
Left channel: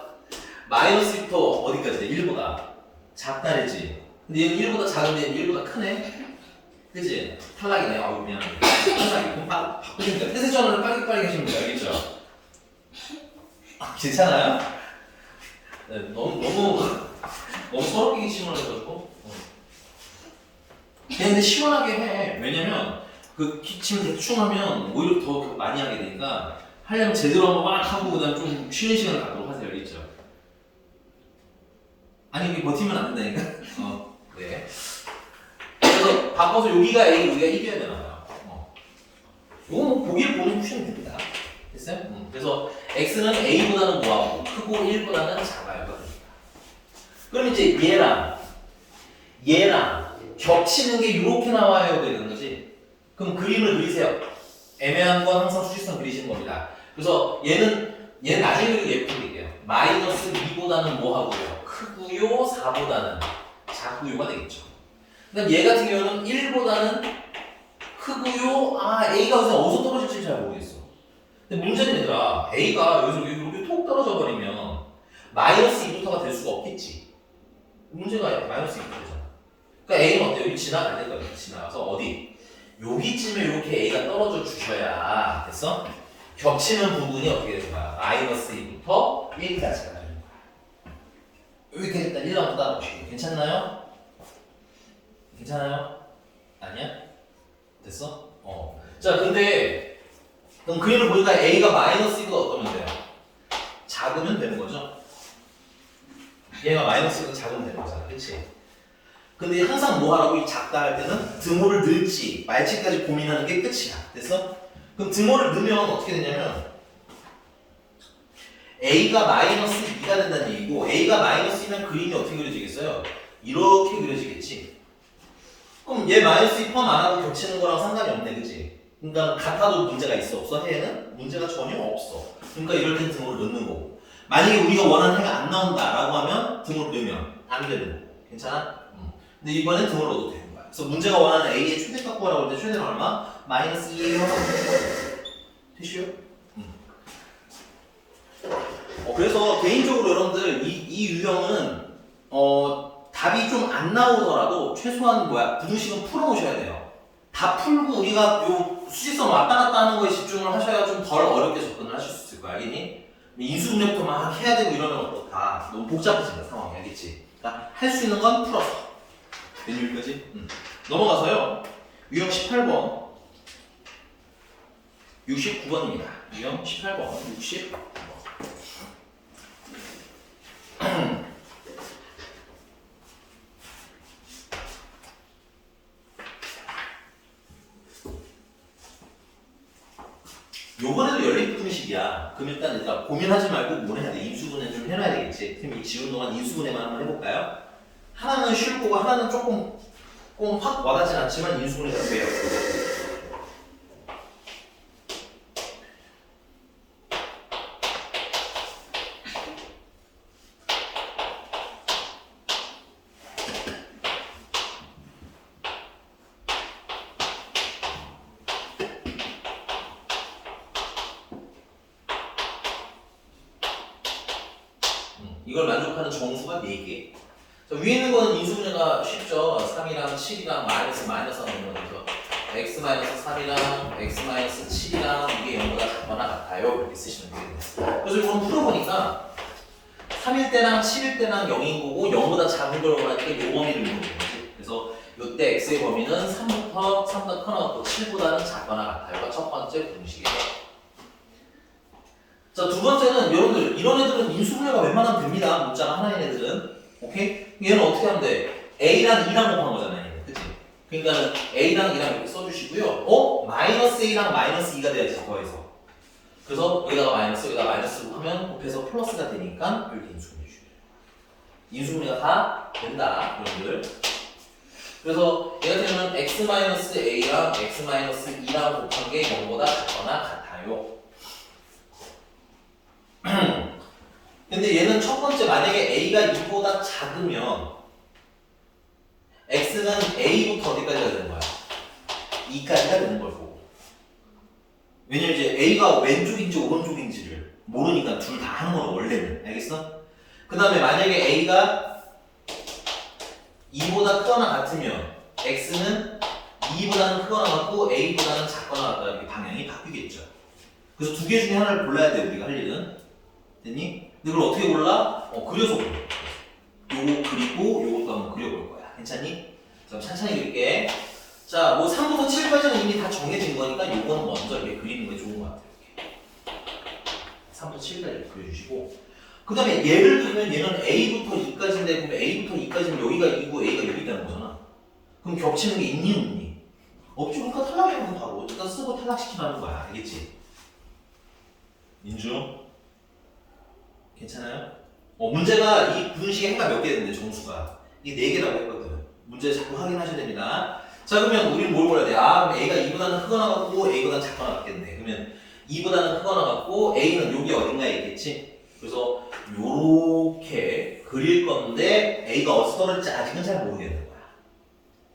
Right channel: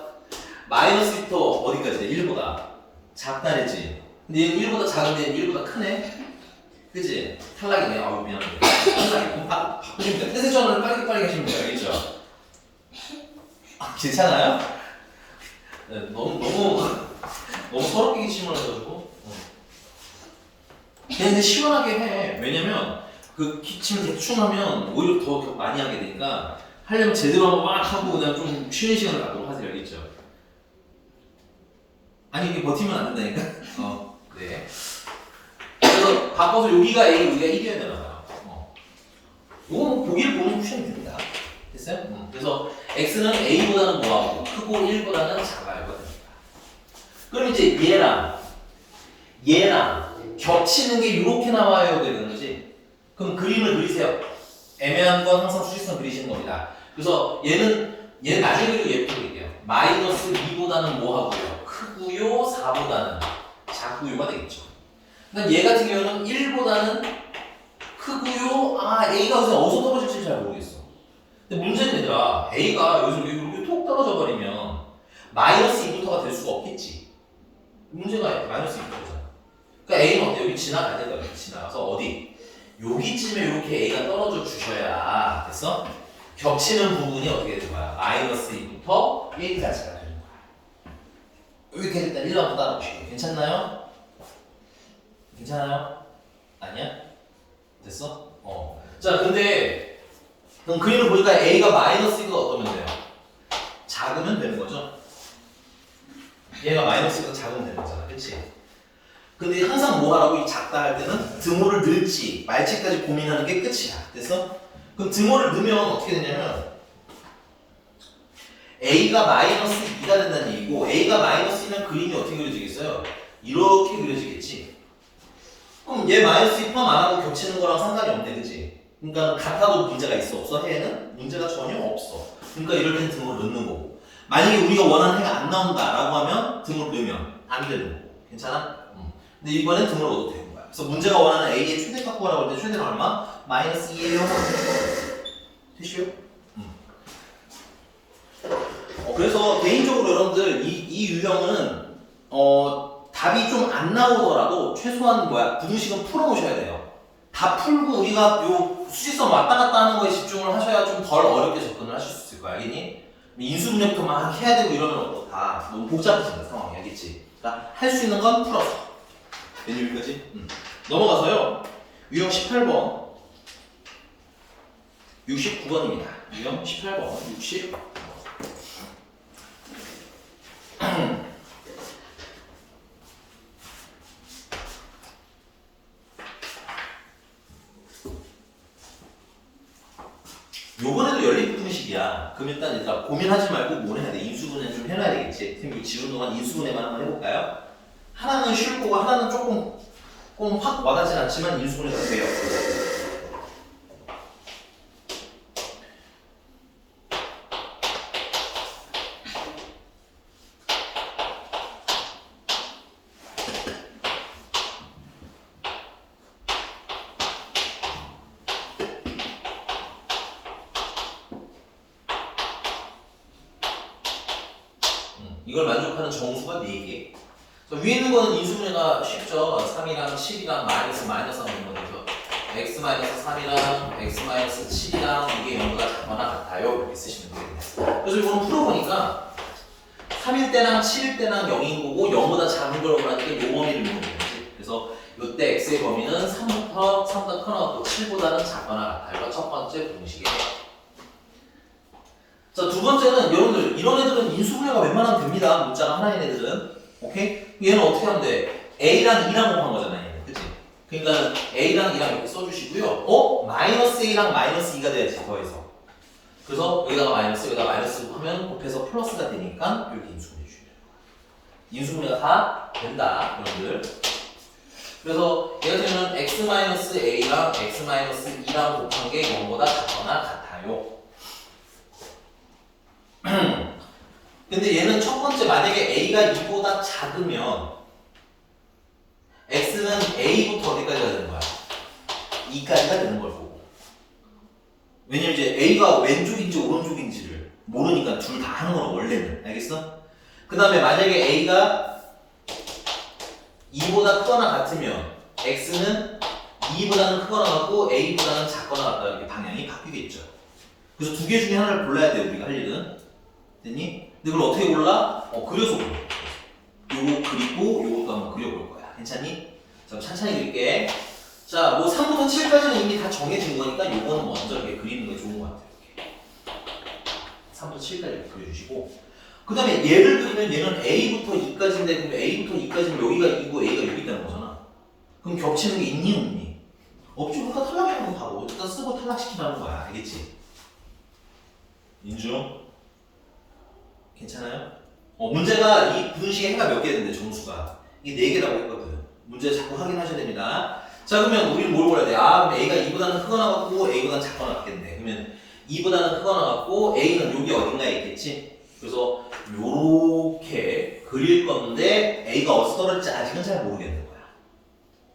마이너스 1부터 어디까지 돼? 1보다 작다랬지. 근데 얘는 1보다 작은데 얘는 1보다 크네? 그치? 탈락이네. 아우, 미안해. 탈락이. 바꾸시면 돼요. 뜻의 전환을 빨리 하시면 돼요. 알겠죠? 괜찮아요? 네, 너무 서럽게 질문해가지고. 근데 시원하게 해. 왜냐면 그 기침 대충 하면 오히려 더 많이 하게 되니까 하려면 제대로 한번 막 하고 그다음 좀 쉬는 시간을 갖도록 하세요. 알겠죠? 아니 이게 버티면 안 된다니까. 네. 그래서 바꿔서 여기가 A, 여기가 이겨야 되나 봐요. 이거 보기를 보면 푸시면 됩니다. 됐어요? 그래서 X는 A보다는 뭐하고 크고 1보다는 작아요. 그럼 이제 얘랑 겹치는 게 이렇게 나와요. 그러는 거지. 그럼 그림을 그리세요. 애매한 건 항상 수직선 그리시는 겁니다. 그래서 얘는 나중에 그리고 예쁘게 그릴게요. 마이너스 2보다는 뭐하고요? 크고요. 4보다는 작고요가 되겠죠. 그러니까 얘 같은 경우는 1보다는 크고요. A가 어디서 떨어질지 잘 모르겠어. 근데 문제는 얘들아, A가 여기서 이렇게 톡 떨어져 버리면 마이너스 2부터가 될 수가 없겠지. 문제가 마이너스 2부터잖아. 그러니까 A는 어때? 여기 지나가야 될 거야. 지나가서 어디? 여기쯤에 이렇게 A가 떨어져 주셔야 됐어? 겹치는 부분이 어떻게 되는 거야? 마이너스 2부터 1까지가 되는 거야. 이렇게 일단 1만 따라보시고 괜찮나요? 괜찮아요? 아니야? 됐어? 자, 근데 그럼 그림을 보니까 A가 마이너스 2보다 어떠면 돼요? 작으면 되는 거죠? 얘가 마이너스 2보다 작으면 되는 거잖아. 그치? 근데 항상 뭐 하라고 이 작다 할 때는 등호를 넣을지 말지까지 고민하는 게 끝이야. 됐어? 그럼 등호를 넣으면 어떻게 되냐면 A가 마이너스 2가 된다는 얘기고 A가 마이너스면 그림이 어떻게 그려지겠어요? 이렇게 그려지겠지. 그럼 얘 마이너스 2 포함 안 하고 겹치는 거랑 상관이 없네. 그치? 그러니까 같아도 문제가 있어 없어? 해에는 문제가 전혀 없어. 그러니까 이럴 땐 등호를 넣는 거고 만약에 우리가 원하는 해가 안 나온다라고 하면 등호를 넣으면 안 되는 거고. 괜찮아? 근데 이번엔 등호를 넣어도 되는 거야. 그래서 문제가 원하는 A의 최대값 구하라고 할 때 최대는 얼마? 마이너스 2예요. 되시요? 그래서 개인적으로 여러분들 이 유형은 답이 좀 안 나오더라도 최소한 부등식은 풀어놓으셔야 돼요. 다 풀고 우리가 요 수직선 왔다 갔다 하는 거에 집중을 하셔야 좀 덜 어렵게 접근을 하실 수 있을 거야. 알겠니? 인수분해부터 막 해야 되고 이러면 다 너무 복잡해진다 상황이. 알겠지? 그러니까 할 수 있는 건 풀었어. 된 여기까지? 넘어가서요. 유형 18번 69번입니다. 유형 18번 60 요번에도 연립분식이야. 그럼 일단 고민하지 말고 뭘 해야 돼? 인수분해 좀 해놔야 되겠지. 그럼 이 지운 동안 인수분해만 한번 해볼까요? 하나는 쉬울 거고 하나는 조금 확 와닿지 않지만 인수분해가 돼요. 이걸 만족하는 정수가 4개. 위에 있는 거는 인수분해가 쉽죠. 3이랑 7이랑 마이너스 하는 거죠. x-3이랑 x-7이랑 이게 0보다 작거나 같아요. 이렇게 쓰시면 되겠네요. 그래서 이거는 풀어보니까 3일 때랑 7일 때랑 0인 거고 0보다 작은 걸 원하니까 요 범위를 이루는 거지. 그래서 이때 x의 범위는 3보다 커나갔고 7보다는 작거나 같아요가 첫 번째 공식이에요. 자, 두 번째는 여러분들 이런 애들은 인수분해가 웬만하면 됩니다. 문자가 하나인 애들은. 오케이? 얘는 어떻게 하면 돼? A랑 2랑 곱한 거잖아요. 그치? 그러니까 A랑 2랑 이렇게 써주시고요. 마이너스 A랑 마이너스 2가 돼야지 더해서. 그래서 여기다가 마이너스 하면 곱해서 플러스가 되니까 이렇게 인수분해 주셔요. 인수분해가 다 된다, 여러분들. 그래서 얘가 되면 x-a랑 x-2랑 곱한 게 0보다 작거나 같아요. 근데 얘는 첫 번째 만약에 a가 2보다 작으면 x는 a부터 어디까지가 되는 거야? 2까지가 되는 걸 거고. 왜냐면 이제 a가 왼쪽인지 오른쪽인지를 모르니까 둘 다 하는 거는 원래는. 알겠어? 그 다음에 만약에 a가 2보다 크거나 같으면 x는 2보다는 크거나 같고 a보다는 작거나 같다. 이렇게 방향이 바뀌겠죠. 그래서 두 개 중에 하나를 골라야 돼 우리가 할 일은. 됐니? 근데 그걸 어떻게 골라? 그려서 골라. 요거 그리고 요것도 한번 그려볼 거야. 괜찮니? 자, 천천히 그릴게. 자, 뭐 3부터 7까지는 이미 다 정해진 거니까 요거는 먼저 이렇게 그리는 게 좋은 것 같아요. 이렇게. 3부터 7까지 그려주시고. 그 다음에 얘를 그리면 얘는 A부터 2까지인데, 그럼 A부터 2까지는 여기가 2고 A가 여기 있다는 거잖아. 그럼 겹치는 게 있니, 없니? 없지. 그러니까 탈락이라고 바로. 일단 쓰고 탈락시키라는 거야. 알겠지? 인중? 괜찮아요? 문제가 이 분식에 해가 몇 개 되는데 정수가 이게 4개라고 했거든. 문제 자꾸 확인하셔야 됩니다. 자, 그러면 우리는 뭘 골라야 돼? 아, A가 2보다는 크거나 같고 A보다는 작거나 같겠네. 그러면 2보다는 크거나 같고 A는 여기 어딘가에 있겠지? 그래서 요렇게 그릴 건데 A가 어디서 떨어질지 아직은 잘 모르겠는 거야.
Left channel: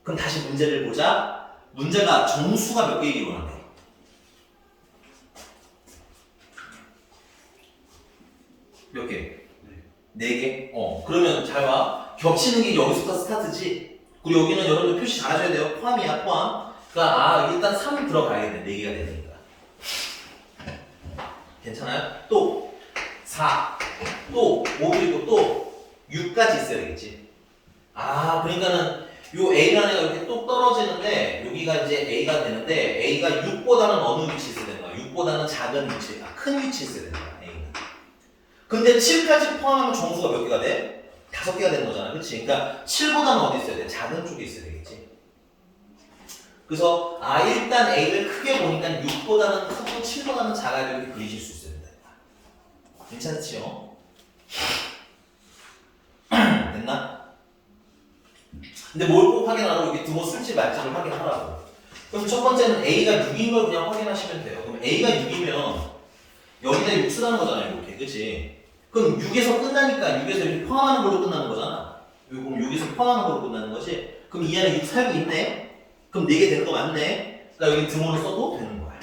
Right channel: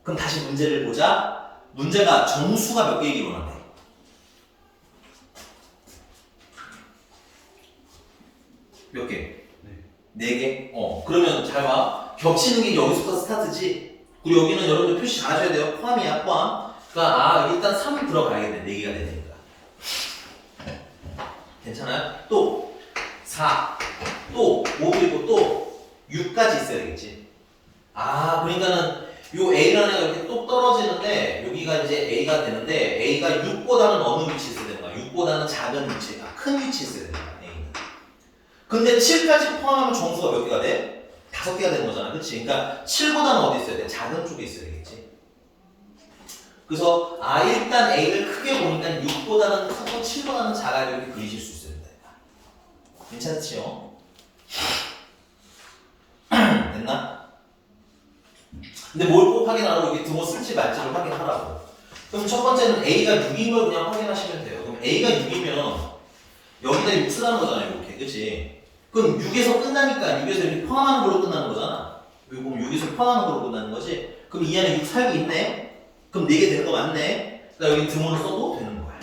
그럼 다시 문제를 보자. 문제가 정수가 몇 개이길 원하네. 몇 개? 네 개? 그러면 잘 봐. 겹치는 게 여기서부터 스타트지? 그리고 여기는 여러분들 표시 잘 하셔야 돼요. 포함이야, 포함. 그러니까 일단 3이 들어가야겠네. 4개가 되니까. 괜찮아요? 또 4, 또 5 그리고 또 6까지 있어야 되겠지. 그러니까는 요 A라는 애가 이렇게 또 떨어지는데 여기가 이제 A가 되는데 A가 6보다는 어느 위치에 있어야 되는 거야? 6보다는 작은 위치에, 큰 위치에 있어야 되는 거야. 근데 7까지 포함하면 정수가 몇 개가 돼? 5개가 되는 거잖아. 그치? 그러니까 7보다는 어디 있어야 돼? 작은 쪽에 있어야 되겠지. 그래서 일단 A를 크게 보니까 6보다는 크고 7보다는 작아야 이렇게 그리실 수 있어야 된다. 괜찮지요? 됐나? 근데 뭘 꼭 확인하라고 이렇게 등호 쓸지 말지를 확인하라고. 그럼 첫 번째는 A가 6인 걸 그냥 확인하시면 돼요. 그럼 A가 6이면 여기다 6 쓰라는 거잖아요. 이렇게. 그치? 그럼 6에서 끝나니까 6에서 이렇게 포함하는 걸로 끝나는 거잖아. 여기 보면 6에서 포함하는 걸로 끝나는 거지. 그럼 이 안에 6 살고 있네? 그럼 4개 되는 거 맞네? 그러니까 여기 등호를 써도 되는 거야.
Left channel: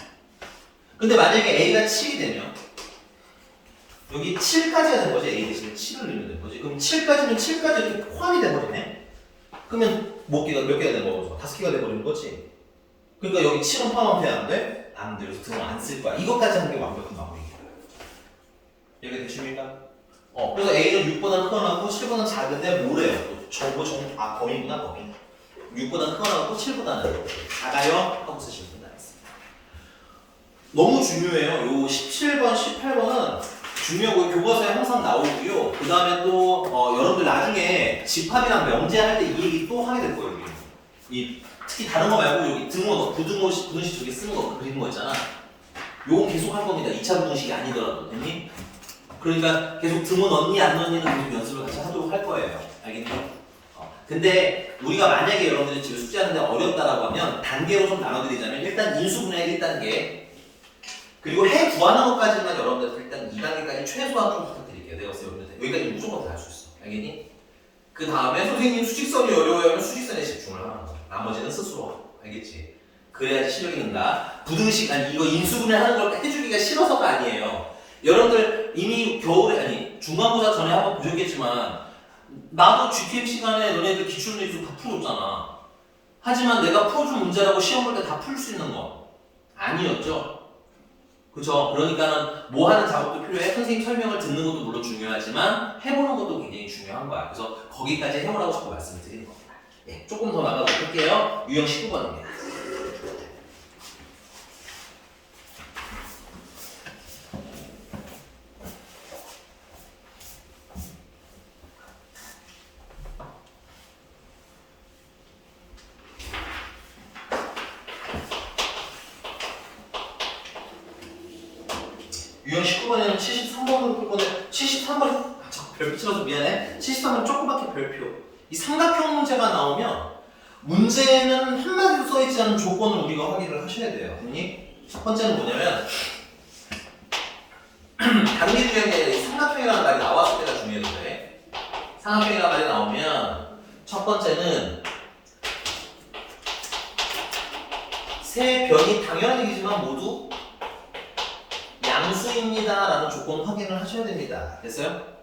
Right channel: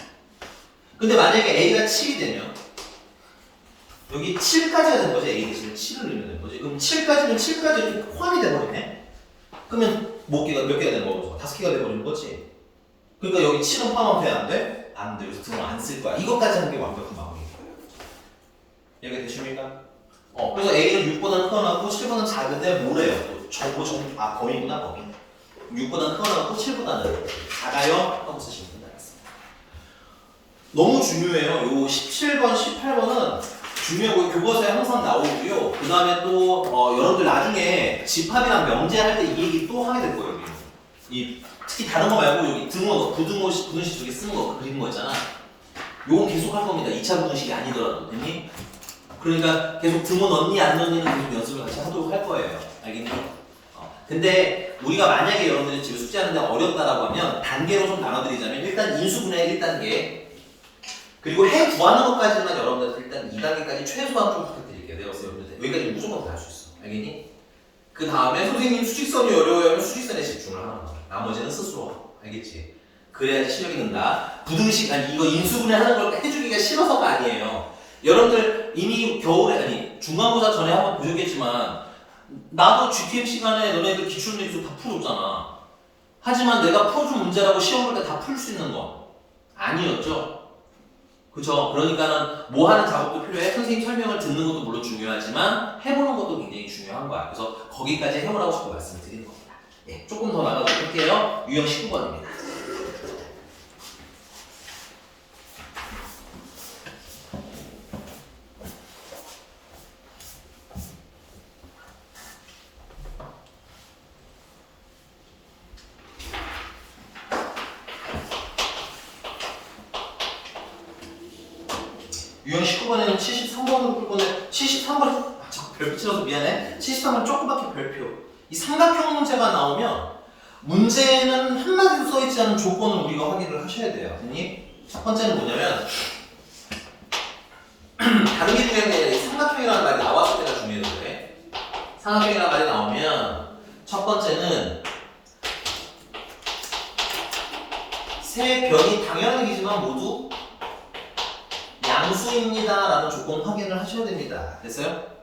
근데 만약에 A가 7이 되면 여기 7까지가 된 거지. A 대신에 7을 넣으면 되는 거지. 그럼 7까지는 7까지 이렇게 포함이 돼버리네? 그러면 몇 개가 되는 거죠? 5개가 돼버리는 거지. 그러니까 여기 7은 포함하면 돼? 안 돼? 안 돼. 그래서 등호 안 쓸 거야. 이것까지 하는 게 완벽한 마무리. 이해가 되십니까? 그래서 A는 6보다는 크거나 하고 7보다는 작은데 뭐래요? 범위구나, 범위. 6보다 크거나 같고 7보다는 작아요 하고 쓰시면 된다겠습니다. 너무 중요해요. 요 17번, 18번은 중요하고 교과서에 항상 나오고요. 그 다음에 또 여러분들 나중에 집합이랑 명제할 때 이 얘기 또 하게 될 거예요. 여기. 이 특히 다른 거 말고 여기 등호, 부등식 저기 쓰는 거 그리는 거 있잖아. 요건 계속 할 겁니다. 2차 부등식이 아니더라도. 됐니? 그러니까 계속 등호 넣니 안 넣니는 계속 연습을 같이 하도록 할 거예요. 알겠니? 근데 우리가 만약에 여러분들이 지금 숙제하는데 어렵다라고 하면 단계로 좀 나눠드리자면 일단 인수분해 1단계 그리고 해 구하는 것까지만 여러분들 일단 2단계까지 최소한 좀 부탁드릴게요. 내가 봤을 때 여기까지 무조건 다 할 수 있어. 알겠니? 그 다음에 선생님 수직선이 어려워요 하면 수직선에 집중을 하는 거야. 나머지는 스스로. 알겠지? 그래야지 실력이 는다. 부등식 아니 이거 인수분해 하는 걸 해주기가 싫어서가 아니에요. 여러분들 이미 겨울에 아니 중간고사 전에 한번 보셨겠지만 나도 GTM 시간에 너네들 기출문제 다 풀어줬잖아. 하지만 내가 풀어준 문제라고 시험 볼 때 다 풀 수 있는 거 아니었죠? 그죠? 그러니까는 뭐 하는 작업도 필요해. 선생님 설명을 듣는 것도 물론 중요하지만 해보는 것도 굉장히 중요한 거야. 그래서 거기까지 해보라고 자꾸 말씀을 드리는 겁니다. 예, 조금 더 나가도록 할게요. 유형 19번입니다. 유형 19번에는 73번으로 풀 건데 73번 자꾸 별표 치러서 미안해. 73번 조그맣게 별표. 이 삼각형 문제가 나오면 문제는 한마디도 써있지 않은 조건을 우리가 확인을 하셔야 돼요. 됐니? 첫 번째는 뭐냐면 단계 중에 삼각형이라는 말이 나왔을 때가 중요해요. 삼각형이라는 말이 나오면 첫 번째는 세 변이 당연한 얘기지만 모두 양수입니다 라는 조건 확인을 하셔야 됩니다. 됐어요?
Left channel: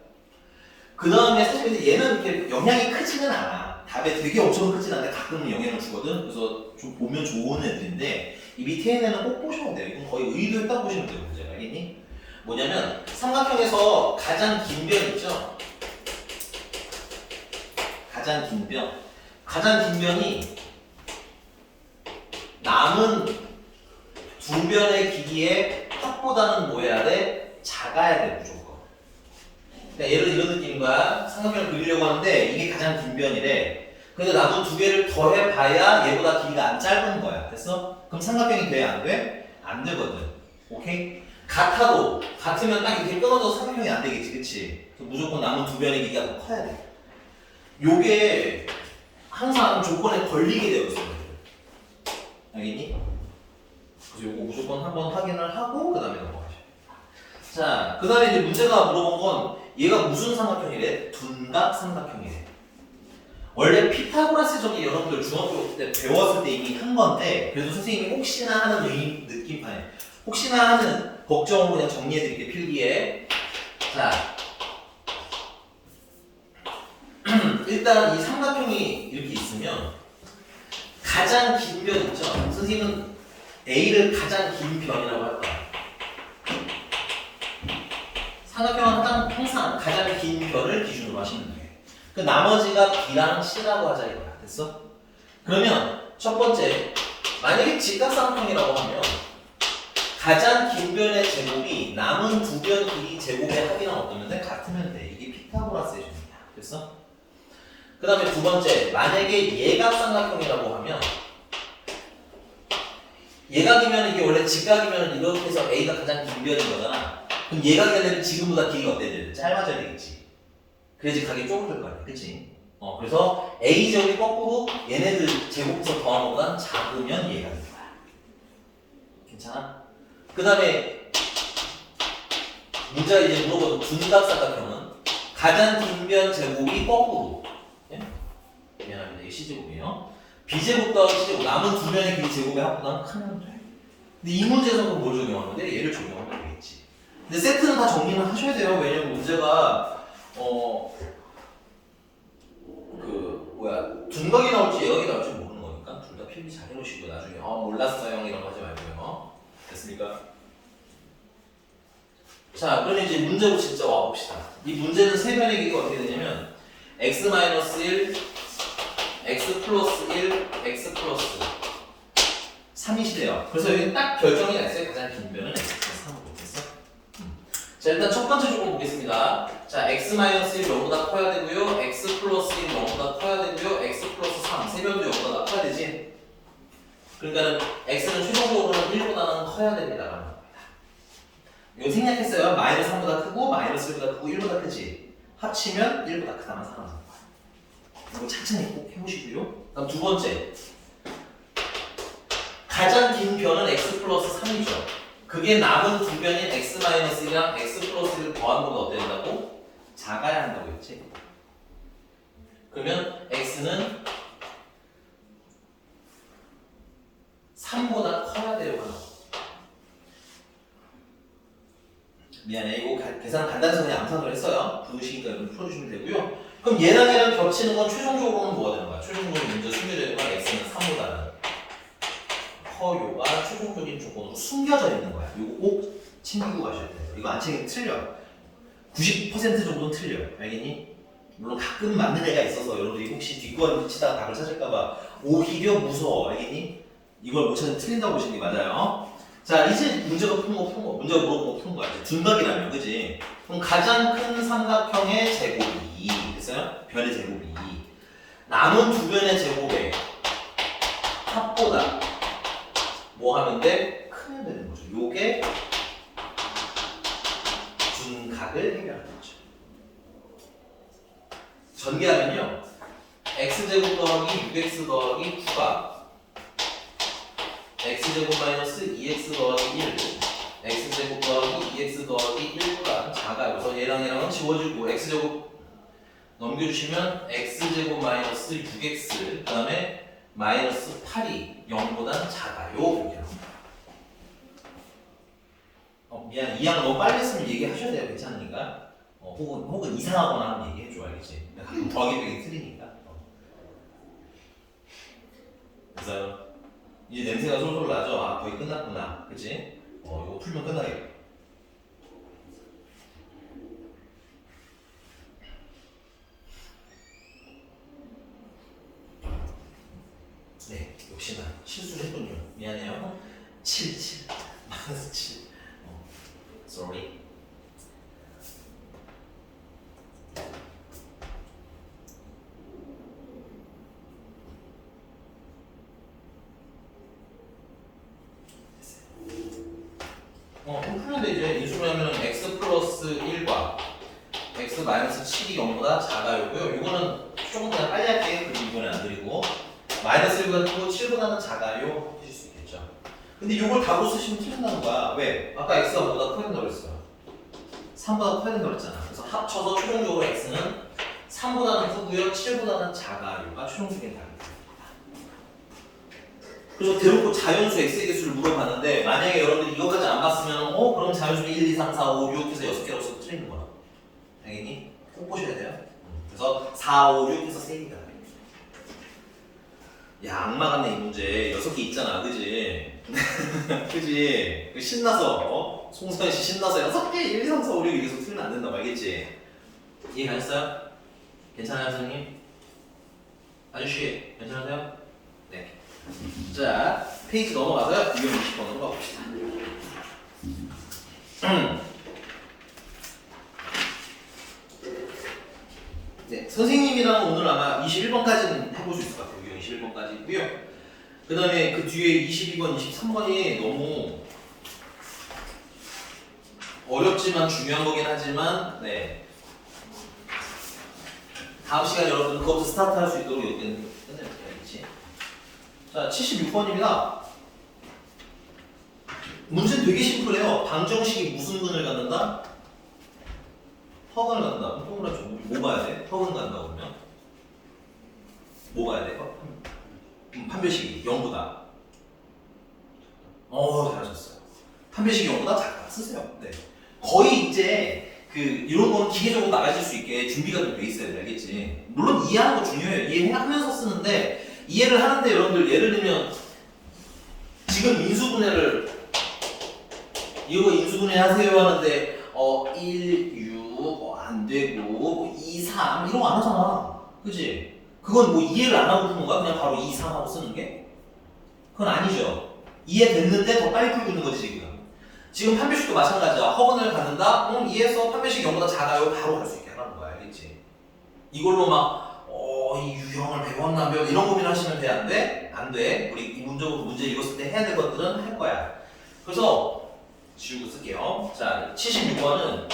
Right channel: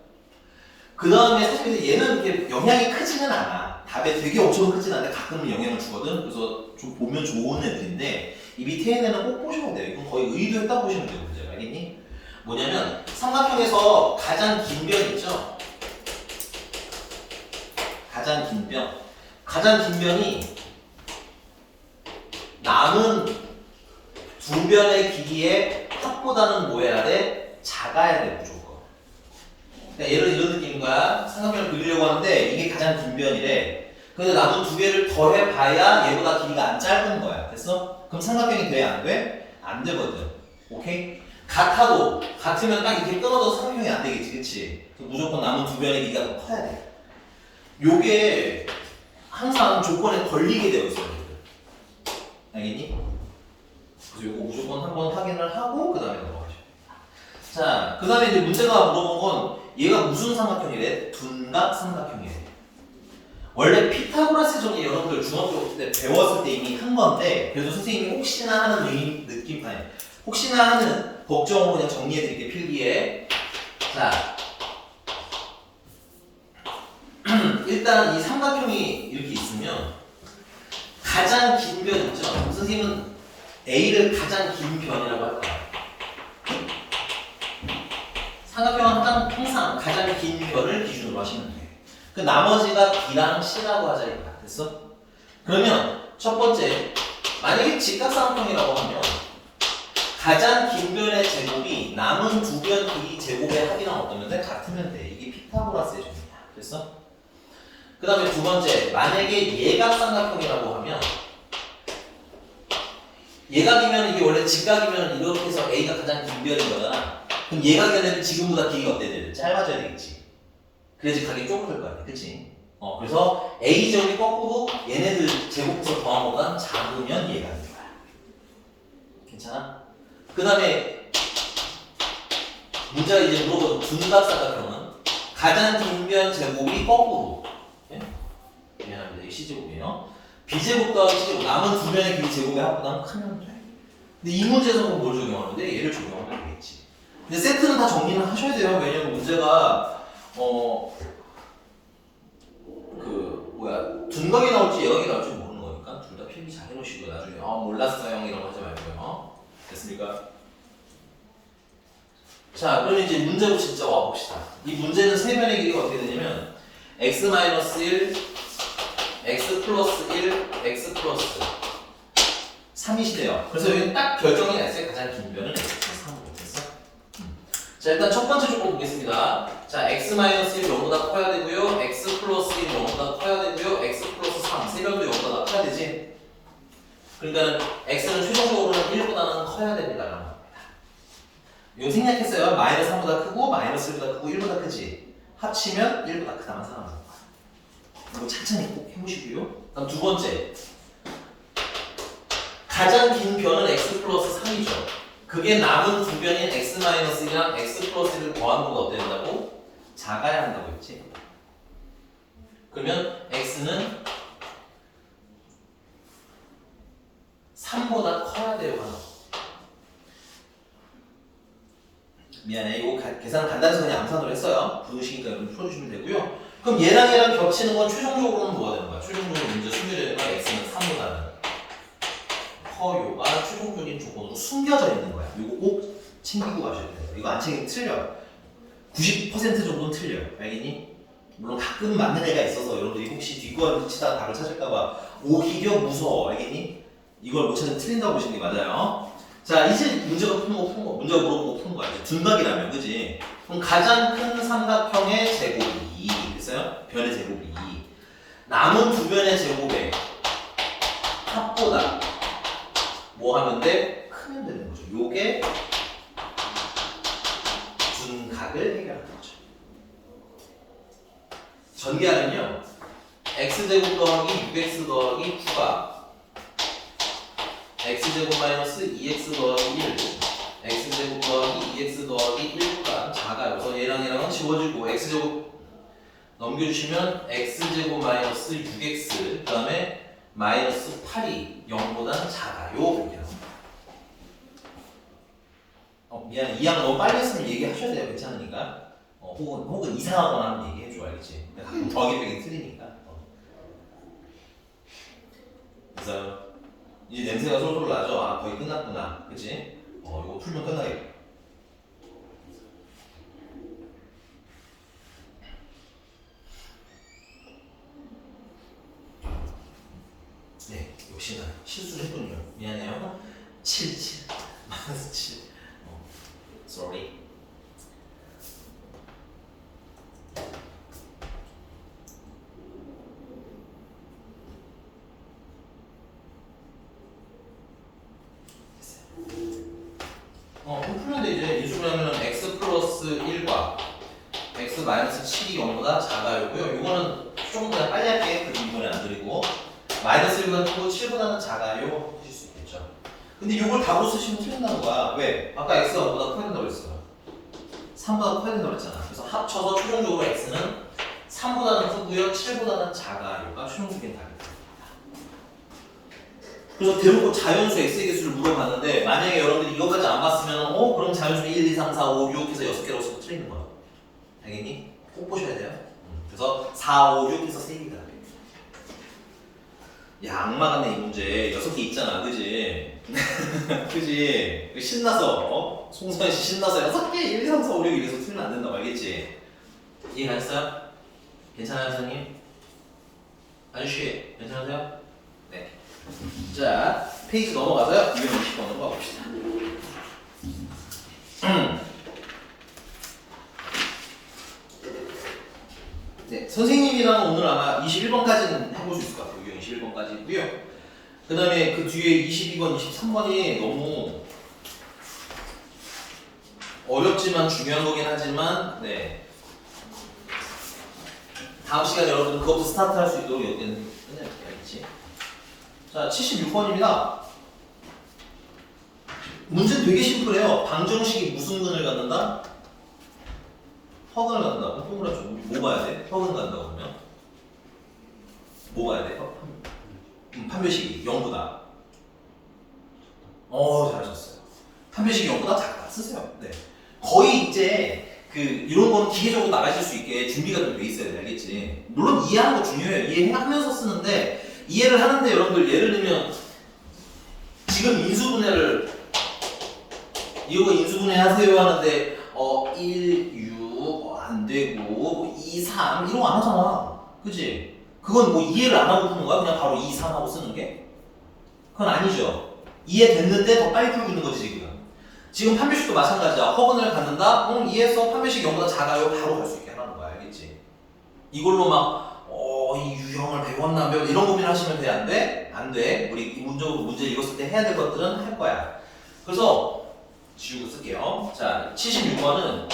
그 다음에 사실 얘는 이렇게 영향이 크지는 않아. 답에 되게 엄청 크지는 않은데 가끔은 영향을 주거든. 그래서 좀 보면 좋은 애들인데 이 밑에 있는 애는 꼭 보셔야 돼요. 이건 거의 의도했다 보시면 돼요. 문제가 알겠니? 뭐냐면 삼각형에서 가장 긴 변 있죠? 가장 긴 변. 가장 긴 변이 남은 두 변의 길이의 합보다는 뭐 해야 돼? 작아야 돼 무조건. 그러니까 얘를 이런 느낌인 거야. 삼각형을 그리려고 하는데 이게 가장 긴 변이래. 근데 나도 두 개를 더해봐야 얘보다 길이가 안 짧은 거야. 됐어? 그럼 삼각형이 돼? 안 돼? 안 되거든. 오케이? 같으면 딱 이렇게 끊어져서 삼각형이 안 되겠지. 그치? 무조건 남은 두 변의 길이가 더 커야 돼. 요게 항상 조건에 걸리게 되어 있어요. 알겠니? 그래서 요거 무조건 한번 확인을 하고 그 다음에 넘어가죠. 자, 그 다음에 이제 문제가 물어본 건 얘가 무슨 삼각형이래? 둔각 삼각형이래. 원래 피타고라스 정리 여러분들 중학교 때 배웠을 때 이미 한 건데 그래도 선생님이 혹시나 하는 느낌 아니 혹시나 하는 걱정으로 그냥 정리해드릴게 필기에. 자, 일단 이 삼각형이 이렇게 있으면 가장 긴 변 있죠? 선생님은 A를 가장 긴 변이라고 할 거야. 삼각형은 항상 가장 긴 변을 기준으로 하시면 돼요. 그 나머지가 B랑 C라고 하자 이거야. 됐어? 그러면 첫 번째, 만약에 직각삼각형이라고 하면 가장 긴 변의 제곱이 남은 두 변 길이 제곱의 합이랑 어떠면 같으면 돼. 이게 피타고라스의 정의야. 됐어? 그 다음에 두 번째, 만약에 예각삼각형이라고 하면 예각이면 이게 원래 직각이면 이렇게 해서 A가 가장 긴 변인 거잖아. 그럼 예각이면 지금보다 길이가 어때야 돼? 짧아져야 되겠지. 그래야지 각이 좁을 거 아니야. 그치? 그래서 A 제곱이 거꾸로 얘네들 제곱해서 더한 것보다 작으면 예각인 거야. 괜찮아? 그 다음에 문제가 이제 물어보죠. 둔각삼각형은 가장 긴 변 제곱이 거꾸로. 미안합니다. 이게 C제곱이에요. B제곱 더하기 C제곱 남은 두 변의 길이 제곱의 합보다는 크면 돼. 근데 이 문제에서는 뭘 적용하는데? 얘를 적용하면 되겠지. 근데 세트는 다 정리는 하셔야 돼요. 왜냐면 문제가 둔각이 나올지 예각이 나올지 모르는 거니까 둘 다 필기 잘 해놓으시고 나중에 몰랐어요 이런 거 하지 말고요. 됐습니까? 자, 그러면 이제 문제로 진짜 와봅시다. 이 문제는 세 변의 길이가 어떻게 되냐면 x-1 x 플러스 1, x 플러스 3이시래요. 그래서 여기 딱 결정이 났어요. 가장 긴 변은 x 플러스 3으로 됐어. 자, 일단 첫 번째 조건 보겠습니다. 자, x 마이너스 1 0보다 커야 되고요. x 플러스 1 0보다 커야 되고요. x 플러스 3, 세 명도 0보다 커야 되지. 그러니까 x는 최종적으로는 1보다는 커야 됩니다. 이거 생략했어요. 마이너스 3보다 크고 마이너스 1보다 크고 1보다 크지. 합치면 1보다 크다만 살아남는 거야. 이거 차근히 꼭 해보시고요. 다음 두 번째. 가장 긴 변은 x 플러스 3이죠. 그게 남은 두 변인 x 마이너스 1이랑 x 플러스 1을 더한 거가 어때야 된다고? 작아야 한다고 했지. 그러면 x는 3보다 커야 돼요. 하나. 미안해. 이거 계산 간단해서 그냥 암산으로 했어요. 부르시니까 여러분 풀어주시면 되고요. 그럼 얘랑 겹치는 건 최종적으로는 뭐가 되는 거야? 최종적으로 문제 숙려되는 건 x는 3보다는 커요가 최종적인 조건으로 숨겨져 있는 거야. 이거 꼭 챙기고 가셔야 돼요. 이거 안 챙기면 틀려. 90% 정도는 틀려. 알겠니? 물론 가끔 맞는 애가 있어서 여러분들이 혹시 뒷구안 치다가 답을 찾을까봐 오히려 무서워. 알겠니? 이걸 못 찾으면 틀린다고 보시는 게 맞아요. 자, 이제 문제가 문제가 물어본 거 푸는 거야. 이제 둔각이라면, 그지? 그럼 가장 큰 삼각형의 제곱이, 됐어요? 변의 제곱이 남은 두 변의 제곱의 합보다 뭐 하면 돼? 크면 되는 거죠. 요게 둔각을 해결하는 거죠. 전개하면요, x제곱 더하기 6x 더하기 9가 x제곱 마이너스 2x 더하기 1, x제곱 더하기 2x 더하기 1보다 작아요. 그래서 얘랑은 지워지고 x제곱 넘겨주시면 x제곱 마이너스 6x 그 다음에 마이너스 8이 0보다 작아요. 이렇게 나옵니다. 미안, 이 양 너무 빨리 했으면 얘기하셔야 돼요. 괜찮으니까. 혹은 이상하거나 하면 얘기해줘. 알겠지? 가끔 더하기 빼기 틀리니까. 그래서 이제 냄새가 솔솔 나죠? 아, 거의 끝났구나. 그치? 이거 풀면 끝나겠다. 네, 역시나 실수를 했군요. 미안해요. 7. 마이너스 7. sorry. 풀면 돼. 이제 인수를 하면은 x 플러스 1과 x 마이너스 7이 0보다 작아요고요. 이거는 조금 더 빨리 할게요. 이번에 안 드리고 마이너스 1보다 크고 7보다는 작아요 하실 수 있겠죠. 근데 이걸 답으로 쓰시면 틀린다는 거야. 왜? 아까 x가 5보다 커야 된다고 했어. 3보다 커야 된다고 했잖아. 그래서 합쳐서 최종적으로 x는 3보다는 크고요, 7보다는 작아요가 최종적인 답입니다. 그래서 대놓고 자연수 x의 개수를 물어봤는데 만약에 여러분들이 이것까지 안 봤으면 그럼 자연수 1, 2, 3, 4, 5, 6 해서 6개라고 쓰면 틀리는 거야. 알겠니? 꼭 보셔야 돼요. 그래서 4, 5, 6 해서 3개가 야, 악마 같네 이 문제. 6개 있잖아, 그지? 그지? 신나서 송선씨 신나서 6개 1, 2, 3, 4, 5, 6 이래서 틀리면 안 된다고 알겠지? 이해 가셨어요? 괜찮아요 선생님? 아저씨 괜찮으세요? 네. 자, 페이지 넘어가서요. 220번으로 가봅시다. 네, 선생님이랑 오늘 아마 21번까지는 해볼 수 있을 것 같아요. 21번까지고요. 그 다음에 그 뒤에 22번, 23번이 너무 어렵지만 중요한 거긴 하지만, 네. 다음 시간에 여러분 그것도 스타트 할 수 있도록 여기는 끝내볼게요. 자, 76번입니다. 문제는 되게 심플해요. 방정식이 무슨 근을 갖는다? 허근을 갖는다. 동그랗죠. 뭐 봐야 돼? 허근 간다고 그러면? 뭐 봐야 돼? 판별식이 0보다. 잘하셨어요. 판별식이 0보다 작다. 쓰세요. 네. 거의 이제 이런 거는 기계적으로 나가실 수 있게 준비가 좀 돼 있어야 돼. 알겠지? 물론 이해하는 거 중요해요. 이해하면서 쓰는데 이해를 하는데 여러분들 예를 들면 지금 인수분해를 이거 인수분해 하세요 하는데 1, 6 안 되고 2, 3 이런 거 안 하잖아. 그치? 그건 뭐 이해를 안 하고 푸는 거야? 그냥 바로 2, 3 하고 쓰는 게? 그건 아니죠. 이해됐는데 더 빨리 풀고 있는 거지 지금. 지금 판별식도 마찬가지야. 허근을 갖는다? 이해해서 판별식 0보다 작아요. 바로 갈 수 있게 하라는 거야. 알겠지? 이걸로 막 이 유형을 배웠나 배웠나 이런 고민 하시면 돼? 안 돼? 안 돼. 우리 기본적으로 문제 읽었을 때 해야 될 것들은 할 거야. 그래서 지우고 쓸게요. 자, 76번은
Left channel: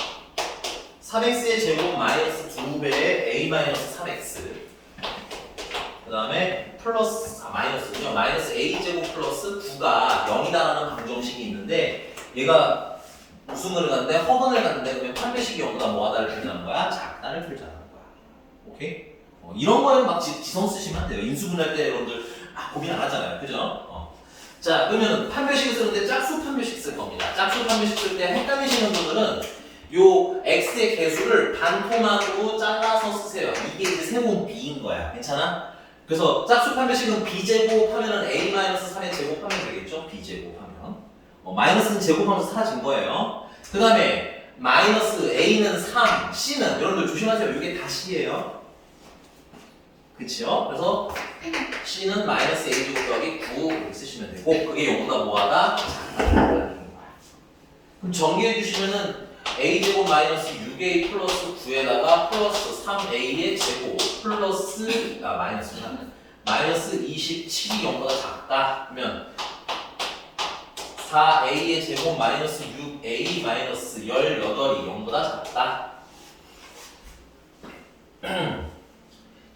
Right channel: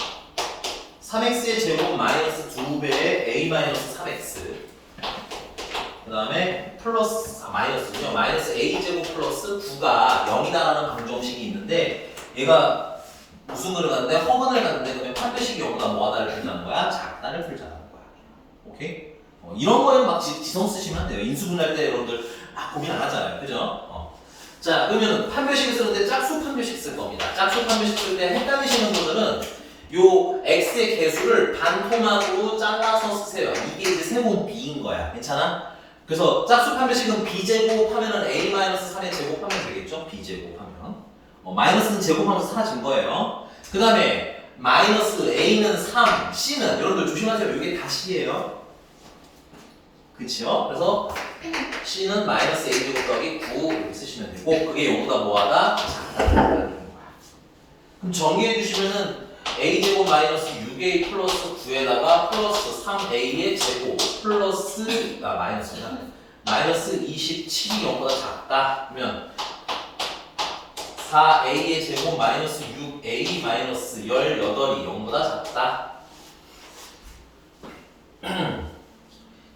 3x의 제곱 마이너스 2배의 a 마이너스 3x 그 다음에 플러스 마이너스고요. 마이너스 a 제곱 플러스 9가 0이다라는 방정식이 있는데 얘가 무슨 글을 갖는데 허근을 갖는데 그러면 판별식이 0보다 뭐하다를 풀자는 거야? 작다를 풀자는 거야. 오케이? 이런 거에는 막 지성 쓰시면 안 돼요. 인수분할 때 여러분들 고민 안 하잖아요. 그죠? 자, 그러면 판별식을 쓸 때 짝수 판별식 쓸 겁니다. 짝수 판별식 쓸 때 헷갈리시는 분들은 요 x의 개수를 반토막으로 잘라서 쓰세요. 이게 이제 세본 b인 거야. 괜찮아? 그래서 짝수 판별식은 b제곱 하면은 a-3의 제곱하면 되겠죠? b제곱하면 마이너스는 제곱하면서 사라진 거예요. 그 다음에 마이너스 a는 3, c는 여러분들 조심하세요. 이게 다 c예요. 그치요? 그래서 c는 마이너스 a제곱 더하기 9 이렇게 쓰시면 되고 그게 0보다 뭐하다? 작다. 그럼 정리해 주시면은 a제곱 마이너스 6a 플러스 9에다가 플러스 3a의 제곱 플러스 마이너스 27이 0보다 작다 하면 4a의 제곱 마이너스 6a 마이너스 18이 0보다 작다.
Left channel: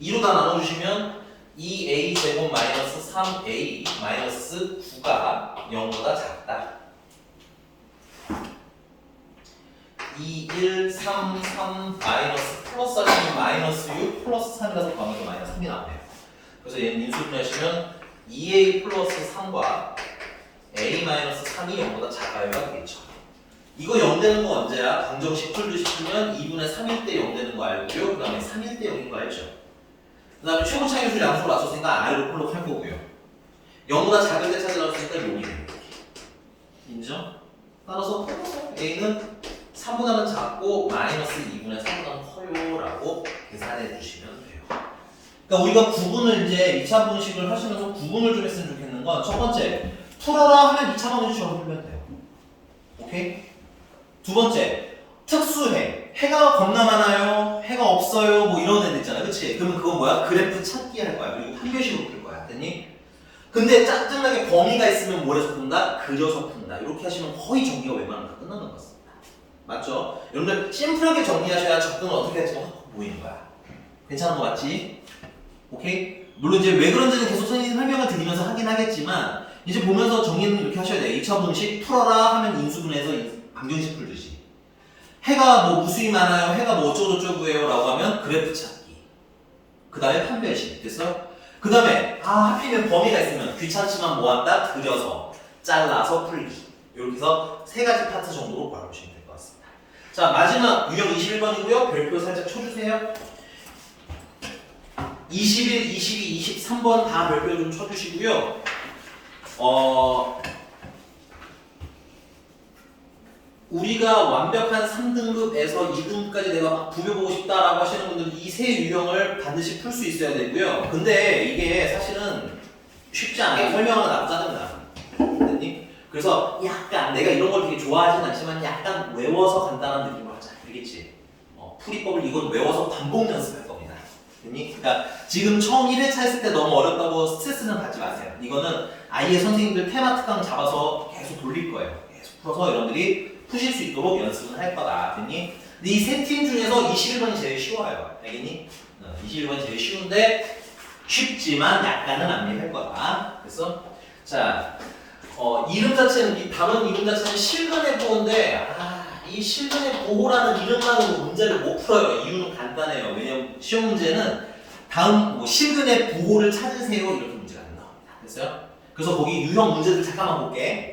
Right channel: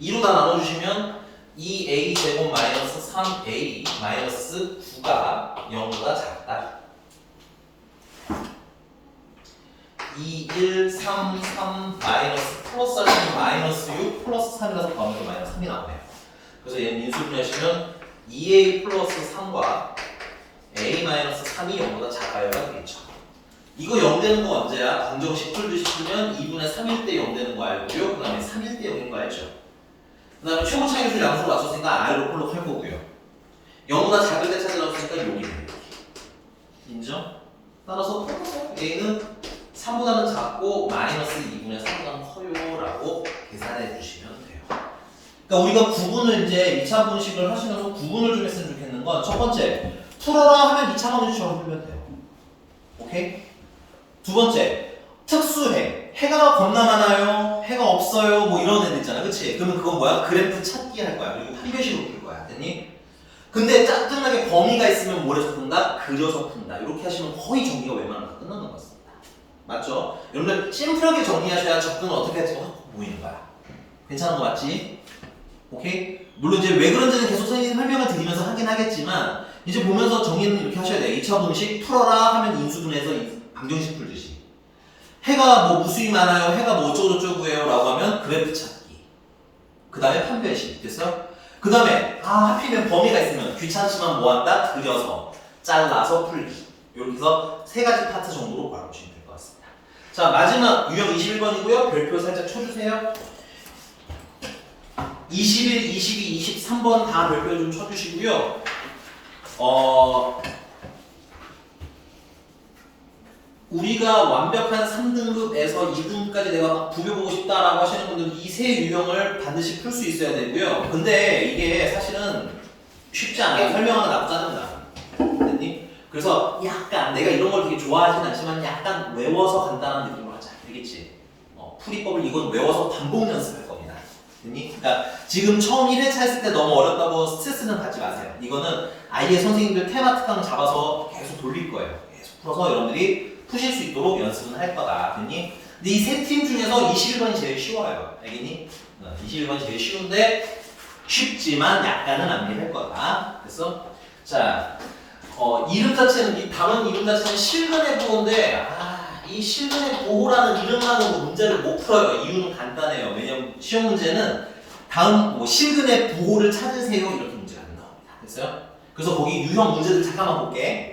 2로 다 나눠주시면 2a 제곱 마이너스 3a 마이너스 9가 0보다 작다. 2, 1, 3, 3 마이너스 플러스 하시면 마이너스 6 플러스 3이라서 더하면 마이너스 3이 나오네요. 그래서 얘는 인수분해하시면 2a 플러스 3과 a 마이너스 3이 0보다 작아요가 되겠죠. 이거 0 되는 거 언제야? 방정식 풀듯이 풀면 2분의 3일 때 0 되는 거 알고요. 그 다음에 3일 때 0인 거 알죠? 그 다음에 최고 차이술 양수로 맞췄으니까 R로 폴로 할 거고요. 0보다 작을 때 찾으라고 했으니까 여기 인정? 따라서 A는 3보다는 작고 마이너스 2분의 3보다는 커요 라고 계산해 주시면 돼요. 그러니까 우리가 구분을 이제 2차 분식을 하시면서 구분을 좀 했으면 좋겠는 건 첫 번째 풀어라 하면 2차 방정식처럼 풀면 돼요. 오케이? 두 번째 특수해. 해가 겁나 많아요. 해가 없어요. 뭐 이런 애들 있잖아. 그치? 그러면 그건 뭐야? 그래프 찾기 할 거야. 그리고 판별식으로 풀 거야. 됐니? 근데 짜증나게 범위가 있으면 뭐래서 푼다? 그려서 푼다. 이렇게 하시면 거의 정리가 웬만하면 다 끝나는 것 같습니다. 맞죠? 여러분들 심플하게 정리하셔야 접근을 어떻게 할지 확 보이는 거야. 괜찮은 거 맞지? 오케이? 물론 이제 왜 그런지는 계속 선생님 설명을 드리면서 하긴 하겠지만 이제 보면서 정리는 이렇게 하셔야 돼요. 2차 분식 풀어라 하면 인수분해서 방정식 풀듯이 해가 뭐 무수히 많아요. 해가 뭐 어쩌고저쩌고예요 라고 하면 그래프 찾기 그 다음에 판별식 됐어요? 그 다음에 하필이면 범위가 있으면 귀찮지만 뭐한다? 그려서 잘라서 풀기 이렇게 해서 세 가지 파트 정도로 바라보시면 될 것 같습니다. 자 마지막 유형 21번이고요. 별표 살짝 쳐주세요. 21, 22, 23번 다 별표 좀 쳐주시고요. 우리가 완벽한 3등급에서 2등급까지 내가 막 부벼보고 싶다라고 하시는 분들은 이 세 유형을 반드시 풀 수 있어야 되고요. 근데 이게 사실은 쉽지 않아요. 설명하면 나쁘지 않습니다. 됐니? 그래서 약간 내가 이런 걸 되게 좋아하진 않지만 약간 외워서 간단한 느낌으로 하자. 알겠지? 풀이법을 이건 외워서 반복 연습할 겁니다. 됐니? 그러니까 지금 처음 1회차 했을 때 너무 어렵다고 스트레스는 받지 마세요. 이거는 아예 선생님들 테마 특강 잡아서 계속 돌릴 거예요. 계속 풀어서 여러분들이 푸실 수 있도록 연습은 할 거다. 됐니? 근데 이 세 팀 중에서 21번이 제일 쉬워요. 알겠니? 21번이 제일 쉬운데 쉽지만 약간은 암기할 거다. 그래서 자 이름 자체는 이 단원 이름 자체는 실근의 보호인데 이 실근의 보호라는 이름만으로 문제를 못 풀어요. 이유는 간단해요. 왜냐면 시험 문제는 다음 뭐 실근의 보호를 찾으세요 이렇게 문제가 안 나옵니다. 됐어요? 그래서 거기 유형 문제들 잠깐만 볼게.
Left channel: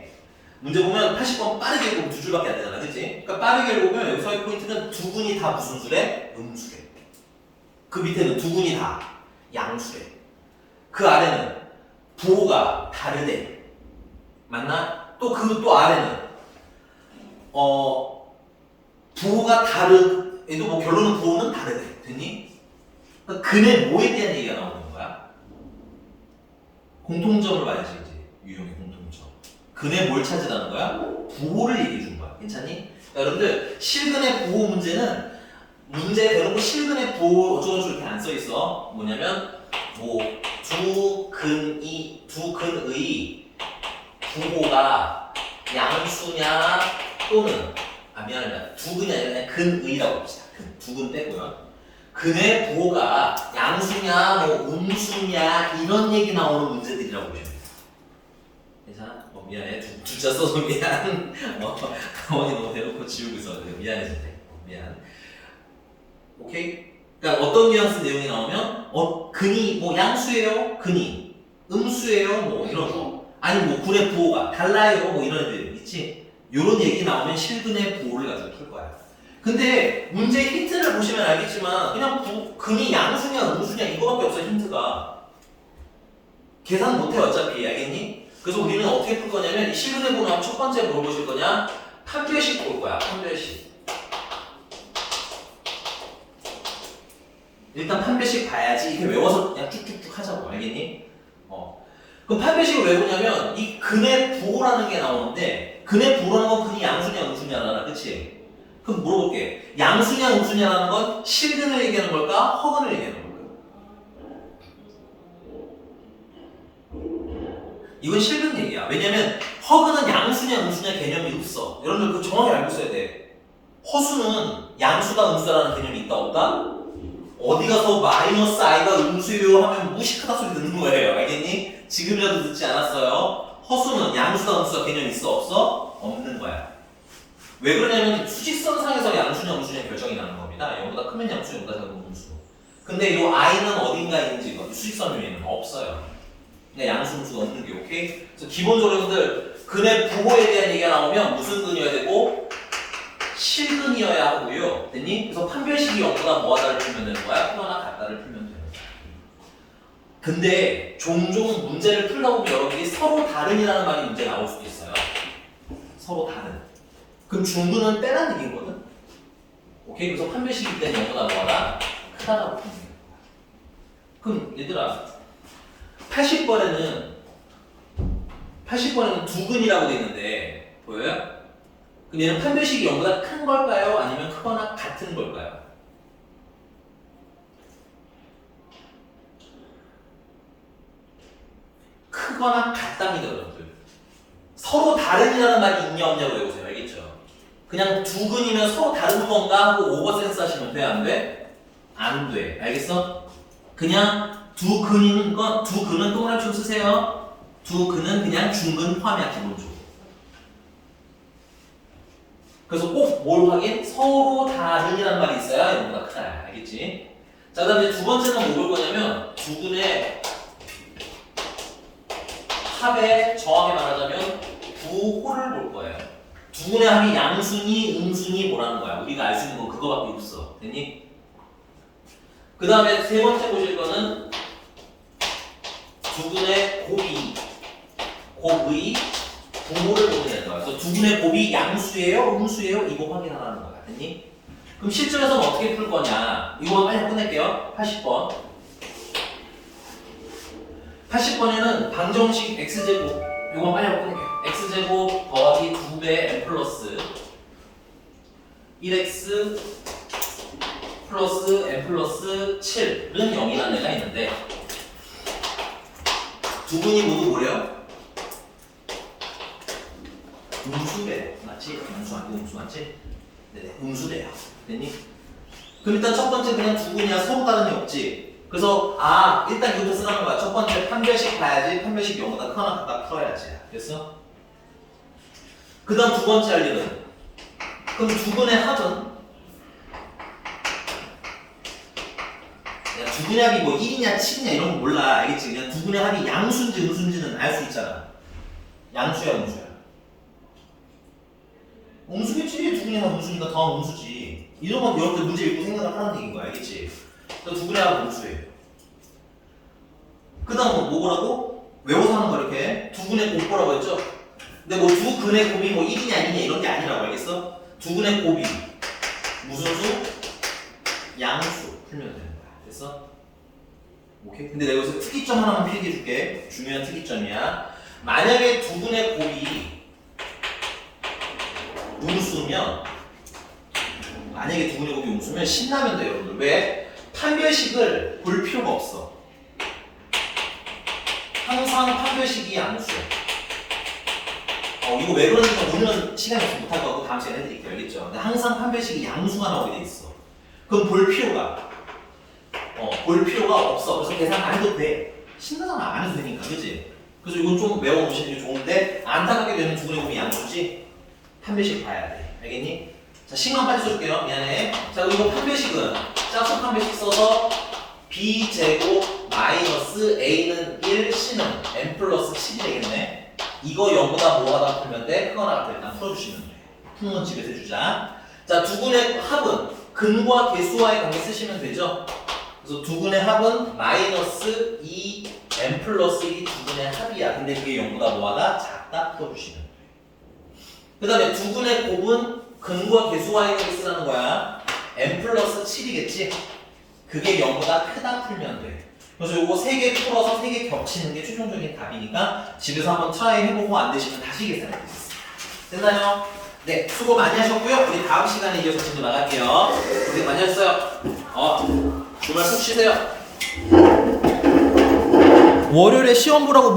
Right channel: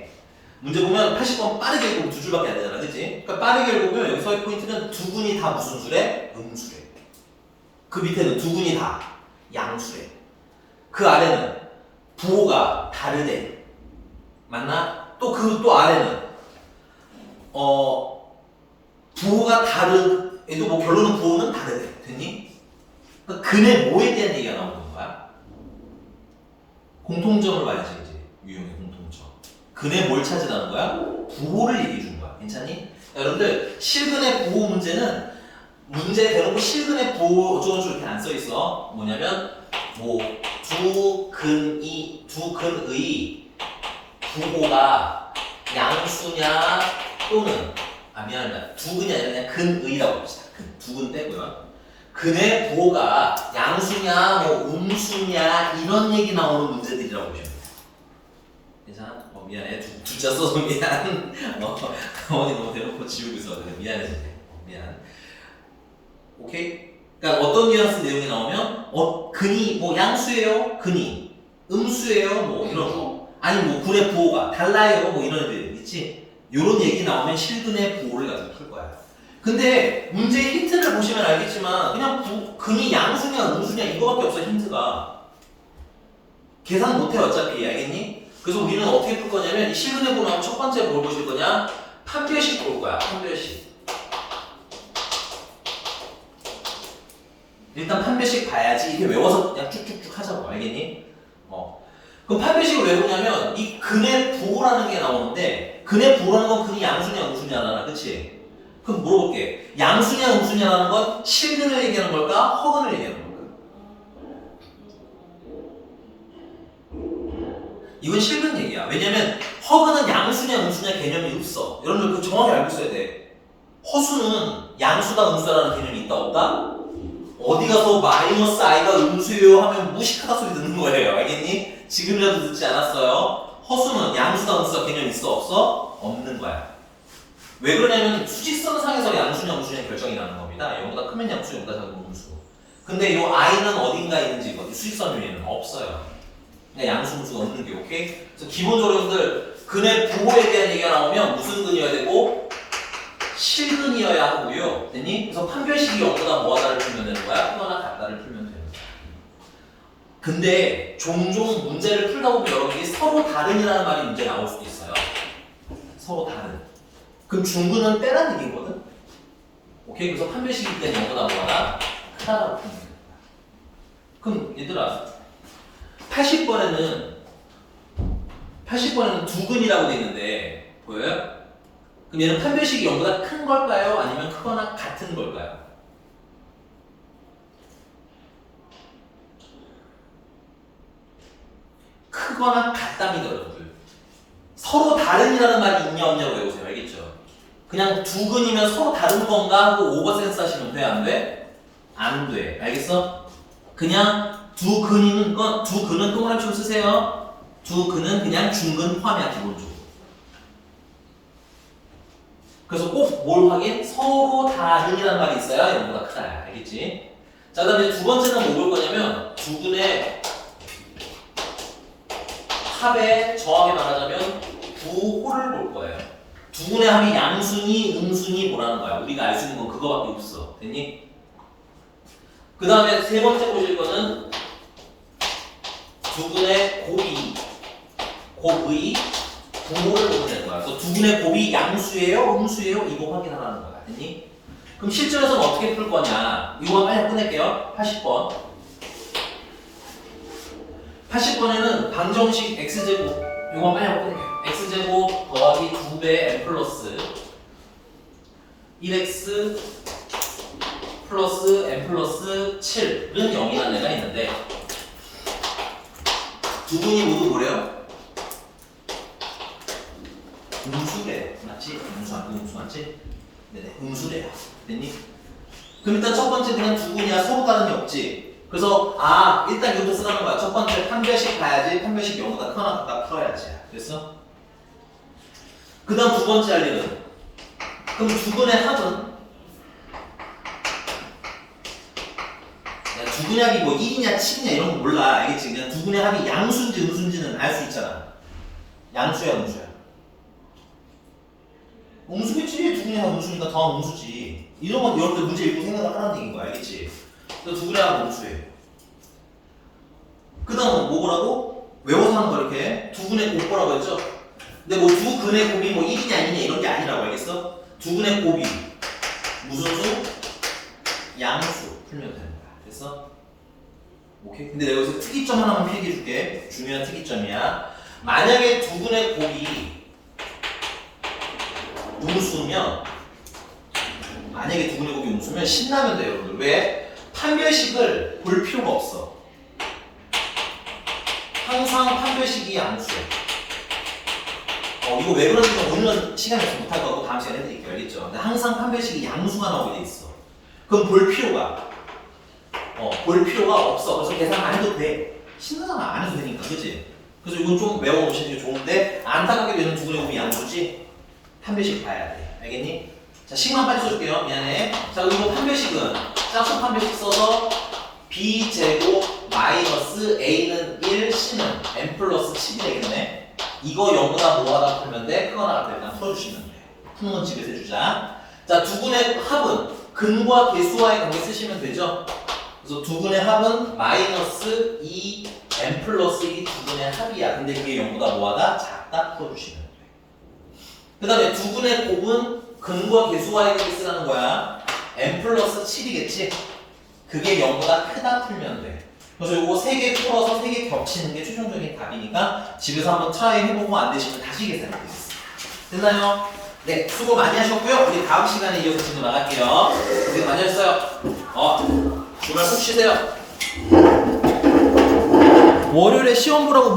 문제 보면 80번 빠르게 읽으면 두 줄밖에 안 되잖아, 그치? 그러니까 빠르게 읽으면 여기서의 포인트는 두 분이 다 무슨 수래? 음수래. 그 밑에는 두 분이 다 양수래. 그 아래는 부호가 다르대. 맞나? 또 아래는 부호가 다른 애도 뭐 결론은 부호는 다르대. 됐니? 그러니까 근의 뭐에 대한 얘기가 나오는 거야? 공통점을 봐야지 이제 유형의 공통점. 근의 뭘 찾으라는 거야? 부호를 얘기해 준 거야. 괜찮니? 여러분들 실근의 부호 문제는 문제에 대놓고 실근의 부호 어쩌고저쩌고 이렇게 안 써 있어. 뭐냐면 뭐 두 근의 부호가 양수냐 또는 미안합니다. 두 근이 아니라 그냥 근의라고 합시다. 두 근 빼고요. 근의 부호가 양수냐 뭐 음수냐 이런 얘기 나오는 문제들이라고 보시면 돼요. 괜찮아? 미안해. 두자 써서 미안. 가만히 너무 대놓고 지우고 있어. 미안해서 미안. 오케이? 그러니까 어떤 뉘앙스 내용이 나오면 근이 뭐 양수예요? 근이 음수예요? 뭐 이런 거. 아니 뭐 근의 부호가 달라요? 뭐 이런 애들 있지? 이런 얘기 나오면 실근의 부호를 가지고 풀 거야. 근데 문제의 힌트를 보시면 알겠지만 그냥 근이 양수냐 음수냐 이거밖에 없어. 힌트가 계산 못해 어차피. 알겠니? 그래서 우리는 어떻게 풀 거냐면 이 실근의 부호는 첫 번째 뭘 보실 거냐? 판별식 볼 거야. 판별식. 일단 판별식 봐야지. 이게 외워서 그냥 쭉쭉쭉 하자고. 알겠니? 그럼 판별식을 왜 보냐면 이 근의 부호라는 게 나오는데 근의 부호라는 건 근이 양수냐 음수냐잖아. 그치? 그럼 물어볼게. 양수냐 음수냐라는 건 실근을 얘기하는 걸까? 허근을 얘기하는 걸까? 이건 실근 얘기야. 왜냐면 허근은 양수냐 음수냐 개념이 없어. 여러분들 그거 정확히 알고 있어야 돼. 허수는 양수다 음수다라는 개념이 있다 없다? 어디 가서 마이너스 i가 음수요 하면 무식하다 소리 듣는 거예요. 알겠니? 지금이라도 듣지 않았어요? 허수는 양수다 음수다 개념 있어 없어? 없는 거야. 왜 그러냐면 수직선상에서 양수냐 음수냐 결정이 나는 겁니다. 0보다 크면 양수, 0보다 작으면 음수. 근데 이 i는 어딘가에 있는지 수직선 위에는 없어요. 그냥 양수, 음수가 없는 게 오케이? 그래서 기본적으로 여러분들 근의 부호에 대한 얘기가 나오면 무슨 근이어야 되고 실근이어야 하고요. 됐니? 그래서 판별식이 0보다 뭐하다를 풀면 되는 거야? 크거나 같다를 풀면 되는 거야. 근데 종종 문제를 풀다 보면 여러분들이 서로 다른이라는 말이 문제 나올 수도 있어요. 서로 다른. 그럼 중근은 빼라는 얘기거든? 오케이? 그래서 판별식일 때는 0보다 뭐하다? 크다라고 풀면 돼요. 그럼 얘들아 80번에는 두근이라고 돼 있는데 보여요? 그럼 얘는 판별식이 0보다 큰 걸까요? 아니면 크거나 같은 걸까요? 크거나 같답니다, 여러분들. 서로 다른이라는 말이 있냐 없냐고 외우세요. 알겠죠? 그냥 두근이면 서로 다른 건가 하고 오버센스 하시면 돼? 안 돼? 안 돼. 알겠어? 그냥 두근은 또 말을 좀 쓰세요. 두근은 그냥 중근 포함이야, 기본적으로. 그래서 꼭 뭘 확인? 서로 다른이라는 말이 있어야 0보다 크다. 알겠지? 자, 그 다음에 두 번째는 뭐 볼 거냐면 두근의 합의 정확히 말하자면 부호를 볼 거예요. 두근의 합이 양수니 음수니 뭐라는 거야. 우리가 알 수 있는 건 그거밖에 없어. 됐니? 그 다음에 세 번째 보실 거는 두근의 곱의 부호를 보면 되는 거야. 그래서 두근의 곱이 양수예요? 음수예요? 이거 확인하라는 거야. 됐니? 그럼 실전에서는 어떻게 풀 거냐? 이거 빨리 끝낼게요. 80번. 80번에는 방정식 x제곱. 이거 빨리 끝낼게요. x제곱 더하기 2배 n 플러스 1x 플러스 n 플러스 7은 0이라는 애가 있는데 두 분이 모두 뭐래요? 음수래요. 맞지? 음수 맞지? 네네, 음수래요. 됐니? 그럼 일단 첫 번째 그냥 두 분이야. 서로 다른이 없지. 그래서 일단 이것도 쓰라는 거야. 첫 번째 판별식 봐야지. 판별식 0보다 크거나 같다 풀어야지. 됐어? 그 다음 두 번째 할 일은 그럼 두 분의 합은 두 분의 합이 뭐 1이냐 7이냐 이런 거 몰라. 알겠지? 그냥 두 분의 합이 양수인지 음수인지는 알 수 있잖아. 양수야 음수야. 음수겠지. 두 분의 합 음수니까 더 음수지. 이런 건 여러분들 문제 읽고 생각을 하라는 얘기인 거야. 알겠지? 두 분의 합은 음수예요. 그 다음 뭐라고? 외워서 하는 거 이렇게 두 분의 곱보라고 했죠? 근데 뭐 두 근의 곱이 뭐 1이냐 아니냐 이런 게 아니라고. 알겠어? 두 근의 곱이 무슨 수? 양수 풀면 되는 거야. 됐어? 오케이? 근데 내가 여기서 특이점 하나만 필기해 줄게. 중요한 특이점이야. 만약에 두 분의 곱이 음수면 신나면 돼요, 여러분들. 왜? 판별식을 볼 필요가 없어. 항상 판별식이 양수야. 이거 왜 그런지 오늘은 시간이 없어서 못할 거고 다음 시간에 해드릴게요. 알겠죠? 근데 항상 판별식이 양수가 나오게 돼 있어. 그럼 볼 필요가 없어. 그래서 계산 안 해도 돼. 신나잖아. 안 해도 되니까. 그치? 그래서 이건 좀 외워놓으시는 게 좋은데 안타깝게 되는 두 분의 곱이 양수지 판별식 봐야 돼. 알겠니? 자, 식만 빨리 써줄게요. 미안해. 자, 그리고 판별식은 짝수 판별식 써서 b제곱 마이너스 a는 1, c는 n 플러스 7이 되겠네. 이거 0보다 뭐하다 풀면 돼? 크거나 같으면 풀어주시면 돼. 푸는 건 집에서 해주자. 자, 두 분의 합은 근과 개수와의 관계 쓰시면 되죠? 그래서 두 분의 합은 마이너스 2 n 플러스 1이 두 분의 합이야. 근데 그게 0보다 뭐하다? 작다 풀어주시면 돼. 그 다음에 두 분의 곱은 근과 개수와의 관계 쓰라는 거야. n 플러스 7이겠지? 그게 0보다 크다 풀면 돼. 그래서 요거 3개 풀어서 3개 겹치는 게 최종적인 답이니까 집에서 한번 트라이 해보고 안 되시면 다시 계산해 드리겠습니다. 됐나요? 네, 수고 많이 하셨고요. 우리 다음 시간에 이어서 진도 나갈게요. 고생 많이 하셨어요. 주말 푹 쉬세요. 월요일에 시험 보라고